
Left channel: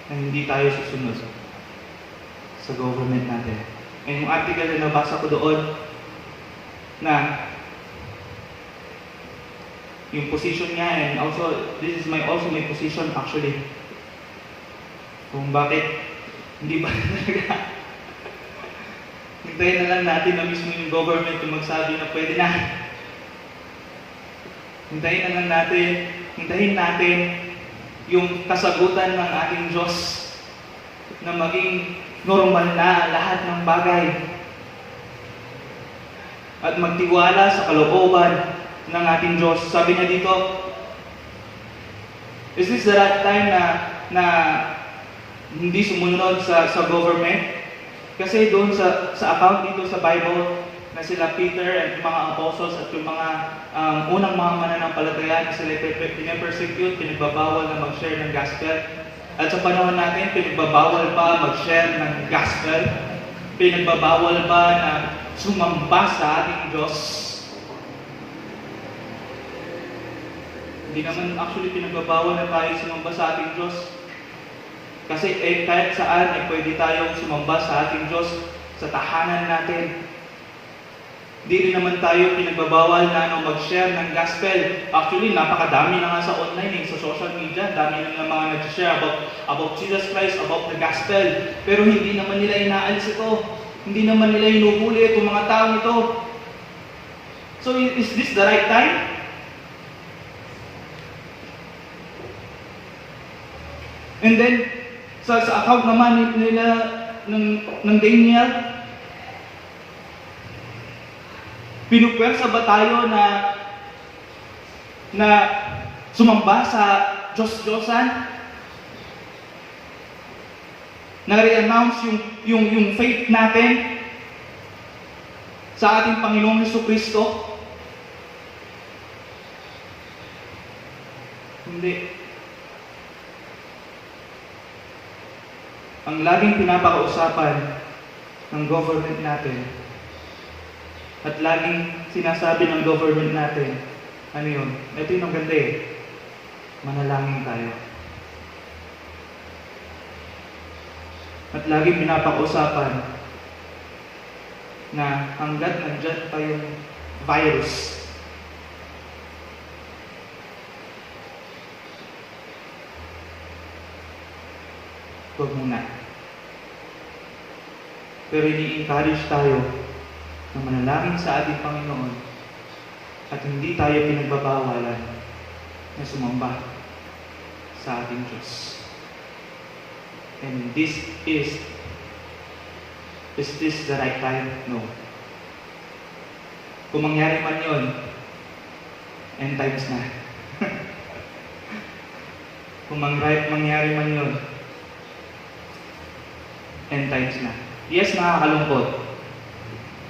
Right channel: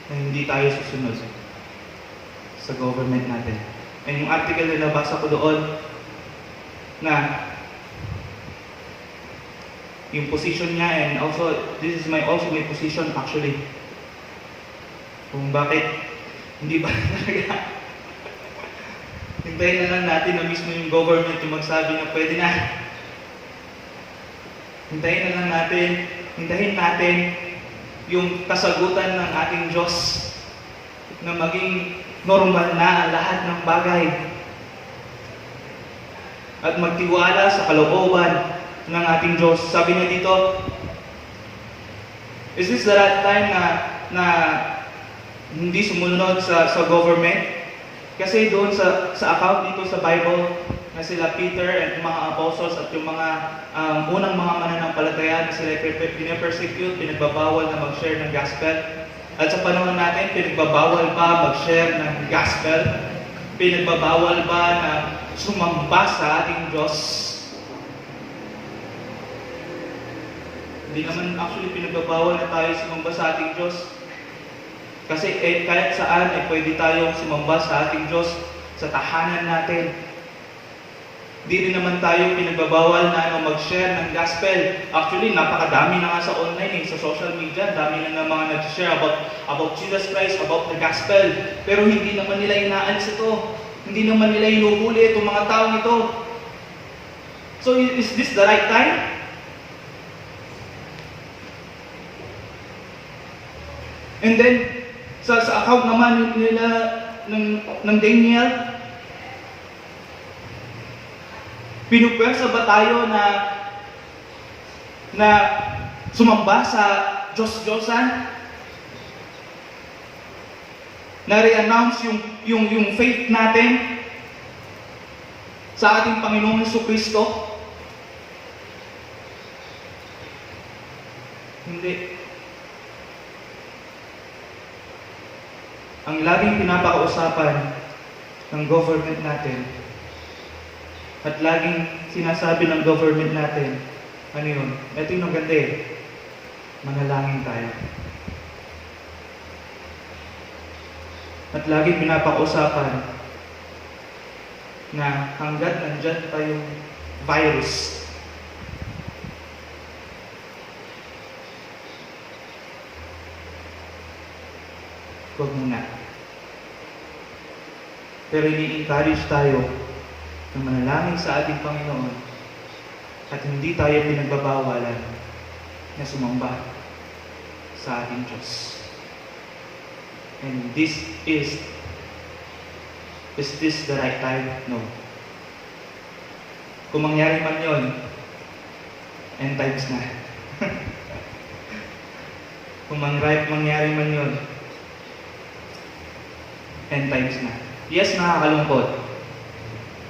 na hindi tayo susunod sa government natin? And yung article na nabasa ko doon, na yung position niya, and also, this is also my position actually. Kung bakit, hindi ba talaga hintayin na lang natin na mismo yung government yung magsabi na pwede na. Hintayin natin yung kasagutan ng ating Diyos na maging normal na lahat ng bagay. At magtiwala sa kalooban ng ating Diyos. Sabi niya dito, is this the right time na hindi sumunod sa government? Kasi doon sa account dito sa Bible na sila Peter at yung mga apostles at yung mga unang mga mananampalataya na sila pinapersecute, pinagbabawal na mag-share ng gospel. At sa panahon natin, pinagbabawal pa mag-share ng gospel. Pinagbabawal pa na sumamba sa ating Diyos. Hindi naman actually pinagbabawal na tayo sumamba sa ating Diyos. Kasi kahit saan pwede tayong sumamba sa ating Diyos sa tahanan natin. Hindi rin naman tayo pinagbabawal na mag-share ng gospel. Actually, napakadami na nga sa online, sa social media. Dami na mga nag-share about Jesus Christ, about the gospel. Pero hindi naman nila inaalis ito. Hindi naman nila inuhuli itong mga taong ito. So, is this the right time? And then, sa account naman nila ng Daniel, pinupwersa ba tayo na sumamba sa Diyos-Diyosan? Na re-announce yung faith natin sa ating Panginoong Jesucristo? Hindi. Ang laging pinapakausapan ng government natin at laging sinasabi ng government natin, ano yun? Ito yung ganda manalangin tayo. At laging pinapakausapan na hanggat nandyan pa yung virus, huwag muna. Pero ini-encourage tayo na manalangin sa ating Panginoon at hindi tayo pinagbabawalan na sumamba sa ating Diyos. And is this the right time? No. Kung mangyari man yun, end times na. Kung mangyari man yun, end times na. Yes, nakakalungkot.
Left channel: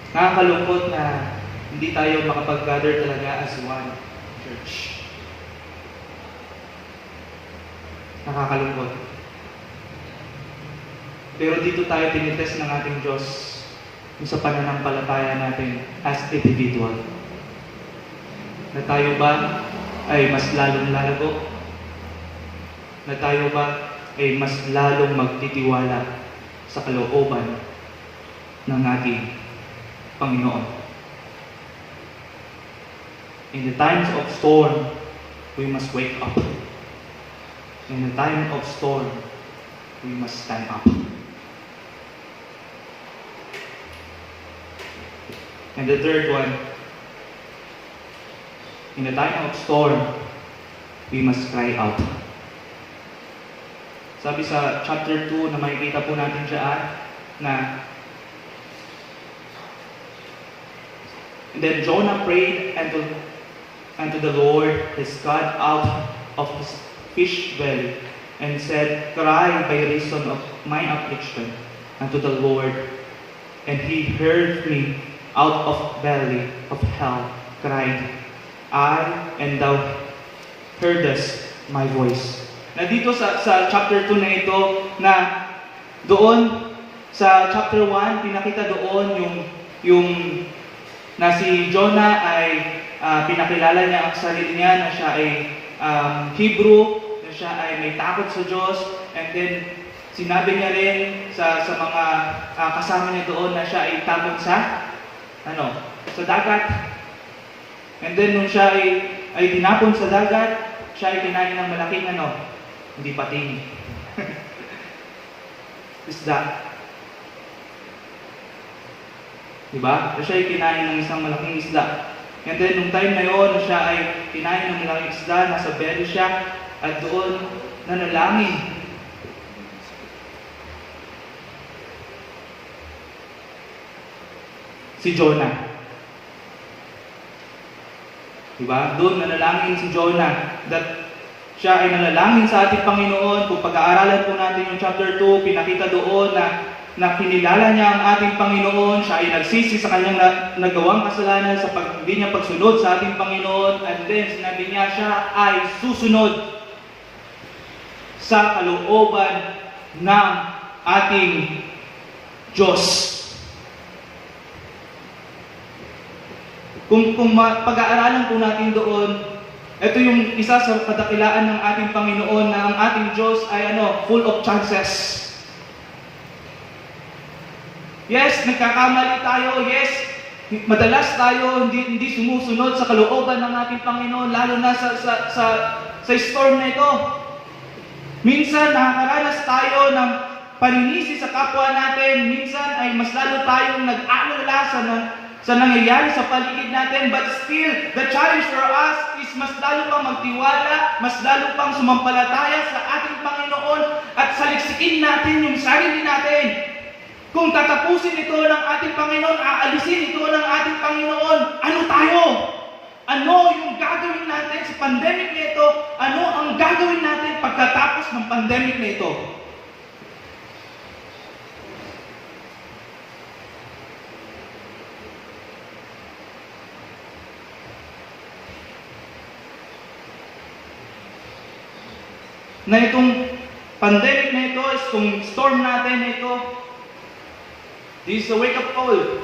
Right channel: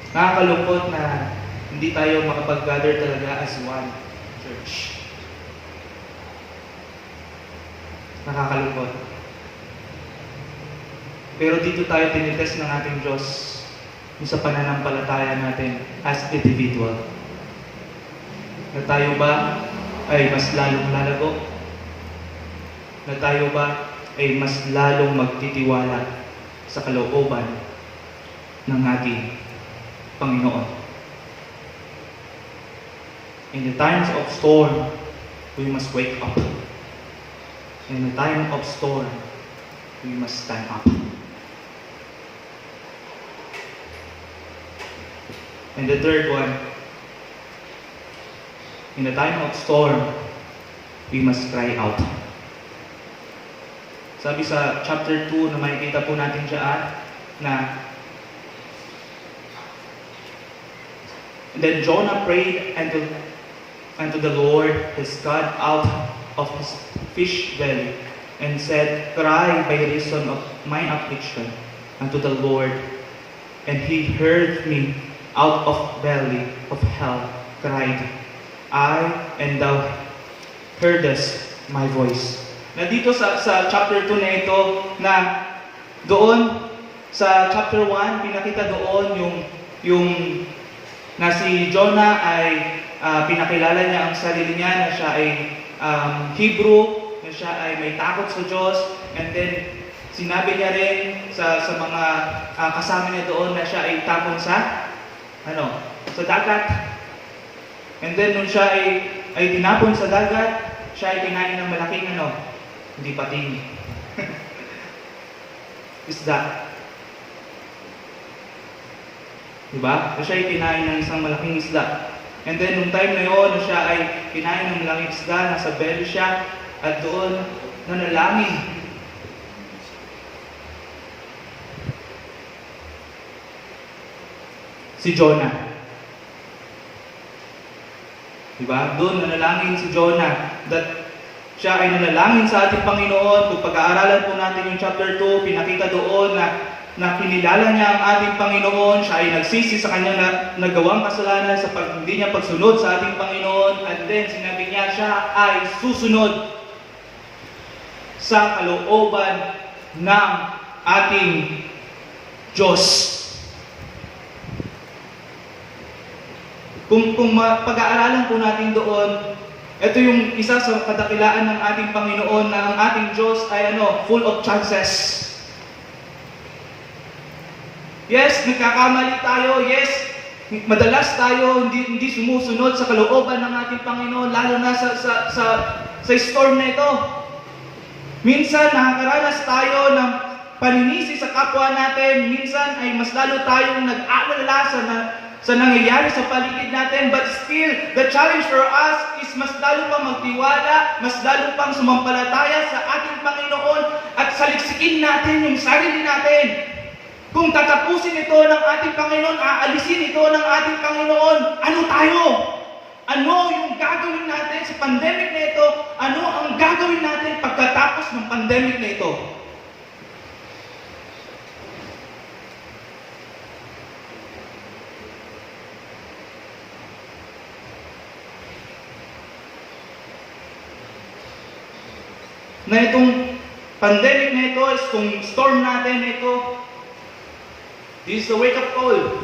Nakakalungkot na hindi tayo makapag-gather talaga as one church. Nakakalungkot. Pero dito tayo tinitest ng ating Diyos sa pananampalataya natin as individual. Na tayo ba ay mas lalong lalago? Na tayo ba ay mas lalong magtitiwala sa kalooban ng ating Panginoon? In the times of storm, we must wake up. In the time of storm, we must stand up. And the third one, in the time of storm, we must cry out. Sabi sa chapter 2 na makikita po natin dyan, na then Jonah prayed unto the Lord his God out of his fish belly, and said, Cry by reason of mine affliction unto the Lord. And he heard me out of belly of hell, cried I, and thou heardest my voice. Na dito sa chapter 2 na ito, na doon sa chapter 1, pinakita doon yung na si Jonah ay pinakilala niya ang sarili niya na siya ay Hebrew, na siya ay may takot sa Diyos, and then sinabi niya rin sa mga kasama niya doon na siya ay takot sa dagat. And then nung siya ay tinapon sa dagat, siya ay kinain ng malaking hindi pating isda. Diba? Siya ay kinain ng isang malaking isda. And then nung time na yun, siya ay kinain ng malaking isda, nasa belly siya, at doon nanalangin. Si Jonah. Diba? Doon nanalangin si Jonah. That siya ay nanalangin sa ating Panginoon. Kung pag-aaralan po natin yung chapter 2, pinakita doon na kinilala niya ang ating Panginoon. Siya ay nagsisi sa kanyang nagawang kasalanan sa hindi niya pagsunod sa ating Panginoon. And then sinabi niya siya ay susunod sa kalooban ng ating Diyos. Kung pag-aaralan po natin doon, ito yung isa sa kadakilaan ng ating Panginoon, na ang ating Diyos ay full of chances. Yes, nagkakamali tayo. Yes, madalas tayo hindi sumusunod sa kalooban ng ating Panginoon, lalo na sa storm na ito. Minsan nakakaranas tayo ng paninisi sa kapwa natin. Minsan ay mas lalo tayong nag-aalala sa nangyayari sa paligid natin, but still, the challenge for us is mas lalo pang magtiwala, mas lalo pang sumampalataya sa ating Panginoon, at saliksikin natin yung sarili natin. Kung tatapusin ito ng ating Panginoon, aalisin ito ng ating Panginoon, ano tayo? Ano yung gagawin natin sa pandemic na ito? Ano ang gagawin natin pagkatapos ng pandemic na ito? Na itong pandemic na ito, itong storm natin na ito, this is a wake-up call.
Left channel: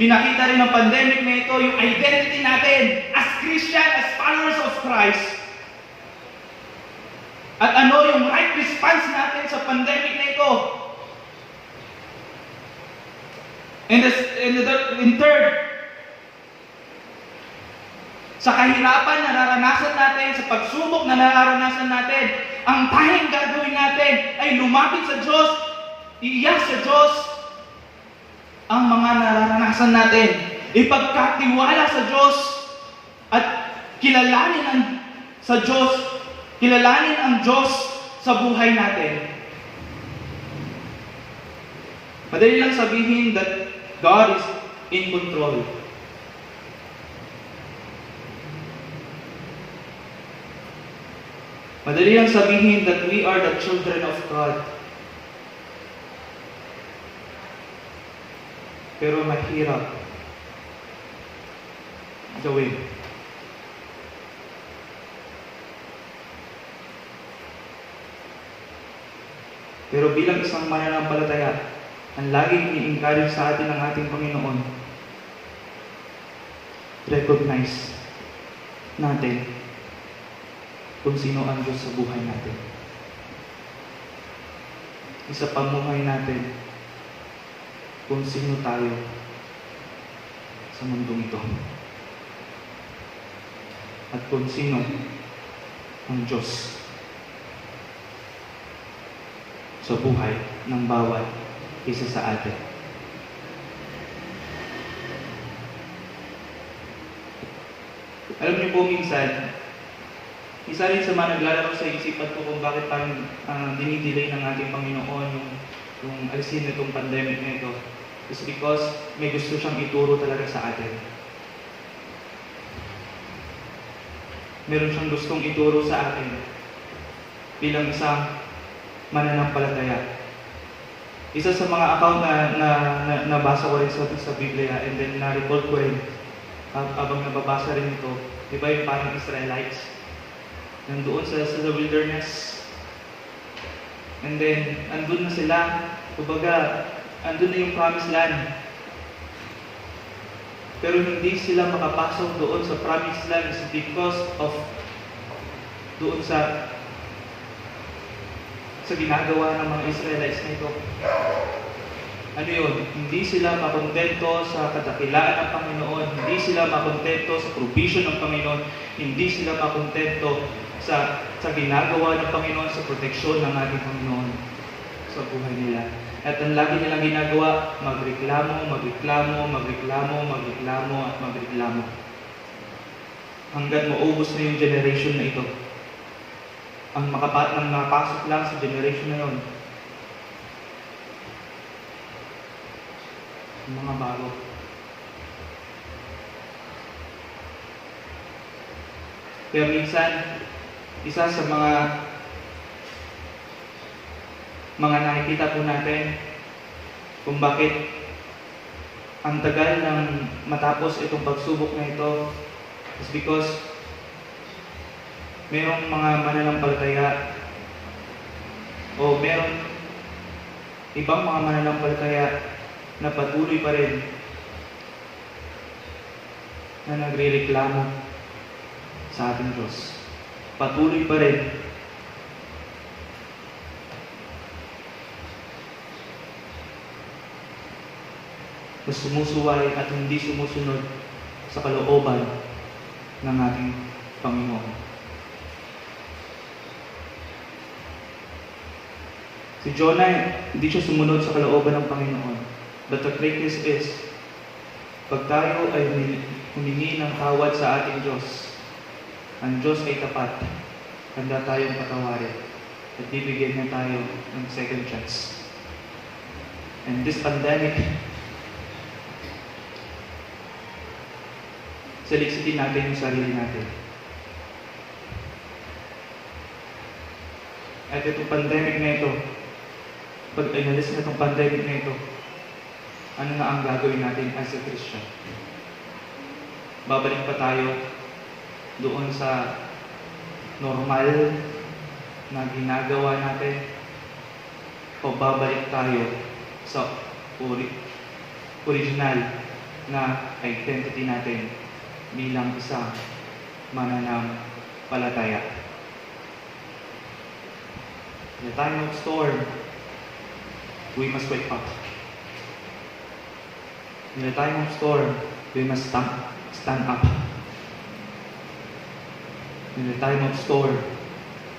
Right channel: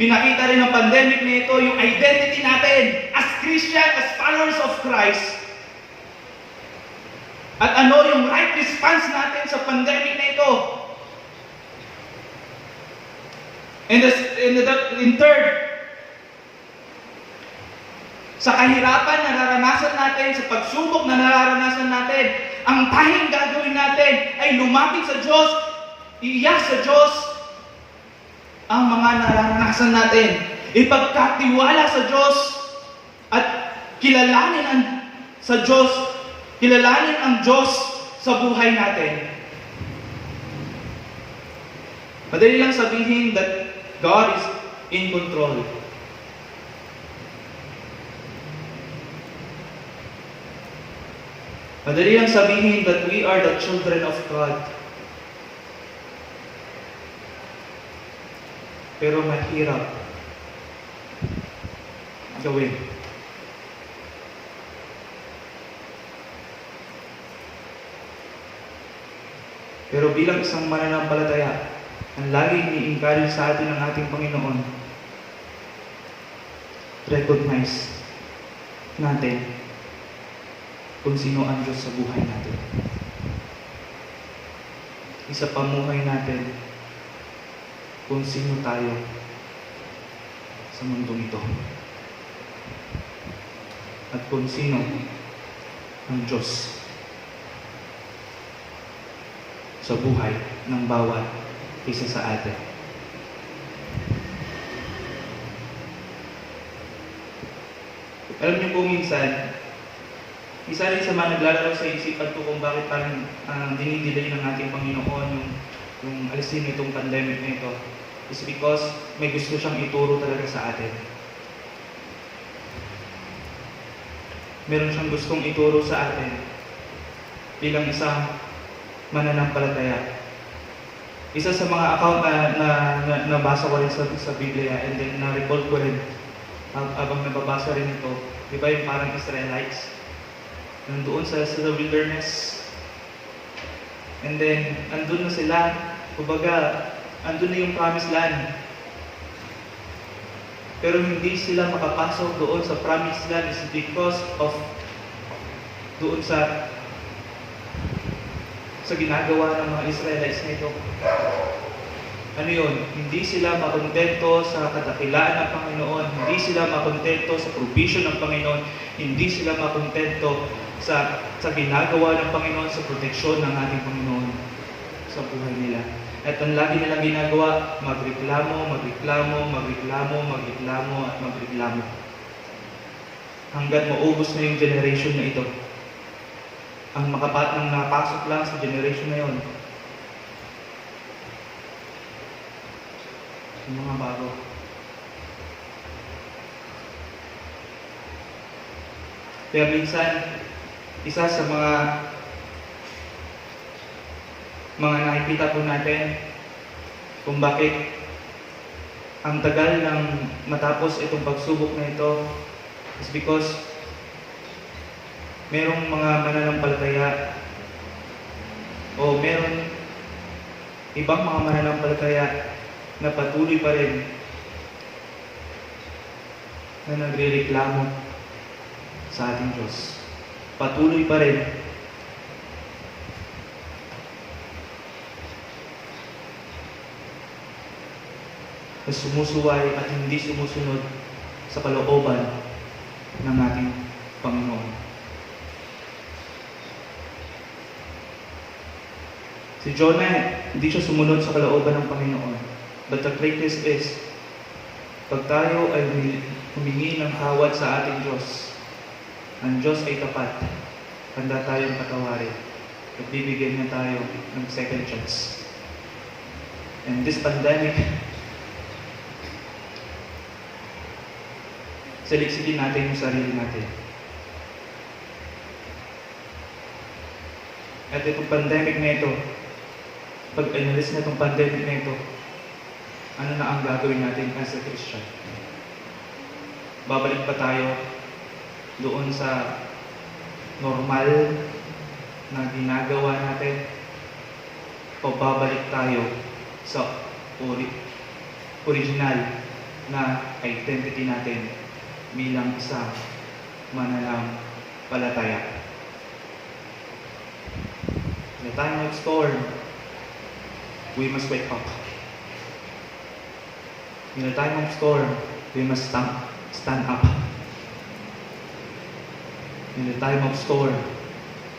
Pinakita rin ng pandemic na ito yung identity natin as Christian, as followers of Christ. At ano yung right response natin sa pandemic na ito. In third, sa kahirapan na nararanasan natin, sa pagsubok na nararanasan natin, ang tanging gagawin natin ay lumapit sa Diyos, iiyak sa Diyos ang mga nararanasan natin. Ipagkatiwala sa Diyos at kilalanin ang Diyos sa buhay natin. Madali lang sabihin that God is in control. Madali lang sabihin that we are the children of God. Pero mahirap gawin. Pero bilang isang mananampalataya, ang laging i-encourage sa atin ng ating Panginoon, recognize natin kung sino ang Diyos sa buhay natin. Isa pamuhay natin kung sino tayo sa mundong ito. At kung sino ang Diyos sa buhay ng bawat isa sa atin. Alam niyo po, minsan isa rin sa mga naglalaro sa isipan ko kung bakit parang dinidelay ng ating Panginoon yung alisin nitong pandemic na ito. is because may gusto siyang ituro talaga sa atin. Meron siyang gustong ituro sa atin bilang isang mananampalataya. Isa sa mga account na nabasa ko rin sa Biblia, and then na-recall ko rin habang nababasa rin ito, di ba yung parang Israelites nandoon sa wilderness, and then andun na sila, kumbaga andun na yung promised land, pero hindi sila makapasok doon sa promised land is because of doon sa ginagawa ng mga Israelites na ito. Ano yun? Hindi sila makontento sa kadakilaan ng Panginoon, hindi sila makontento sa provision ng Panginoon, hindi sila makontento sa ginagawa ng Panginoon, sa proteksyon ng ating Panginoon sa buhay nila. At ang lagi nilang ginagawa, magreklamo, at magreklamo. Hanggang maubos na yung generation na ito. Ang nakapasok lang sa generation na yon, yung mga bago. Kaya minsan, isa sa mga nakikita po natin kung bakit ang tagal ng matapos itong pagsubok na ito is because merong mga mananampalataya o meron ibang mga mananampalataya na patuloy pa rin na nagrereklamo sa ating Diyos. Patuloy pa rin na sumusuway at hindi sumusunod sa kalooban ng ating Panginoon. Si Jonah, hindi siya sumunod sa kalooban ng Panginoon. But the greatness is, pag tayo ay humingi ng tawad sa ating Diyos, ang Diyos ay tapat, handa tayong patawarin at bibigyan niya tayo ng second chance. And this pandemic, saliksikin natin yung sarili natin. At itong pandemic na ito, pag inalis na itong pandemic na ito, ano na ang gagawin natin as a Christian? Babalik pa tayo doon sa normal na ginagawa natin, o babalik tayo sa original na identity natin bilang isang mananampalataya. In the time of storm, we must wake up. In the time of storm, we must stand up. In the time of storm,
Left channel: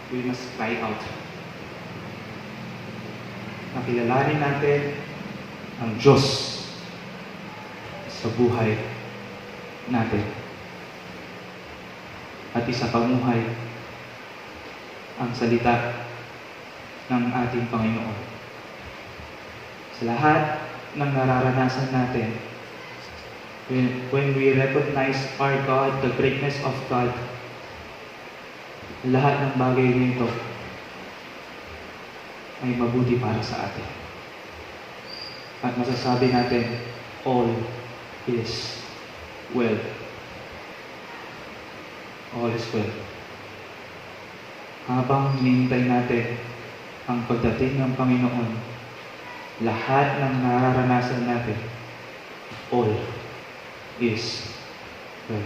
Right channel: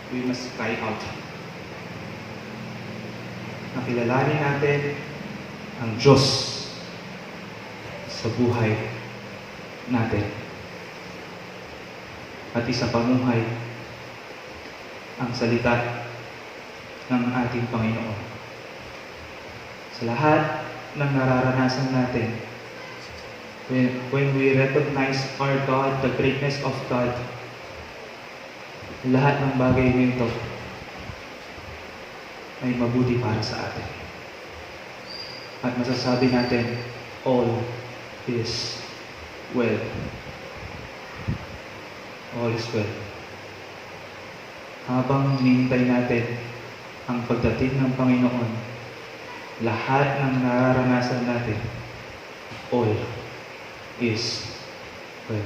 we must cry out. Nakilalanin natin ang Diyos sa buhay natin. At isapamuhay ang salita ng ating Panginoon. Sa lahat ng nararanasan natin, when we recognize our God, the greatness of God, lahat ng bagay nito ay mabuti para sa atin. At masasabi natin, all is well. All is well. Habang hinihintay natin ang pagdating ng Panginoon, lahat ng nararanasan natin, all is well.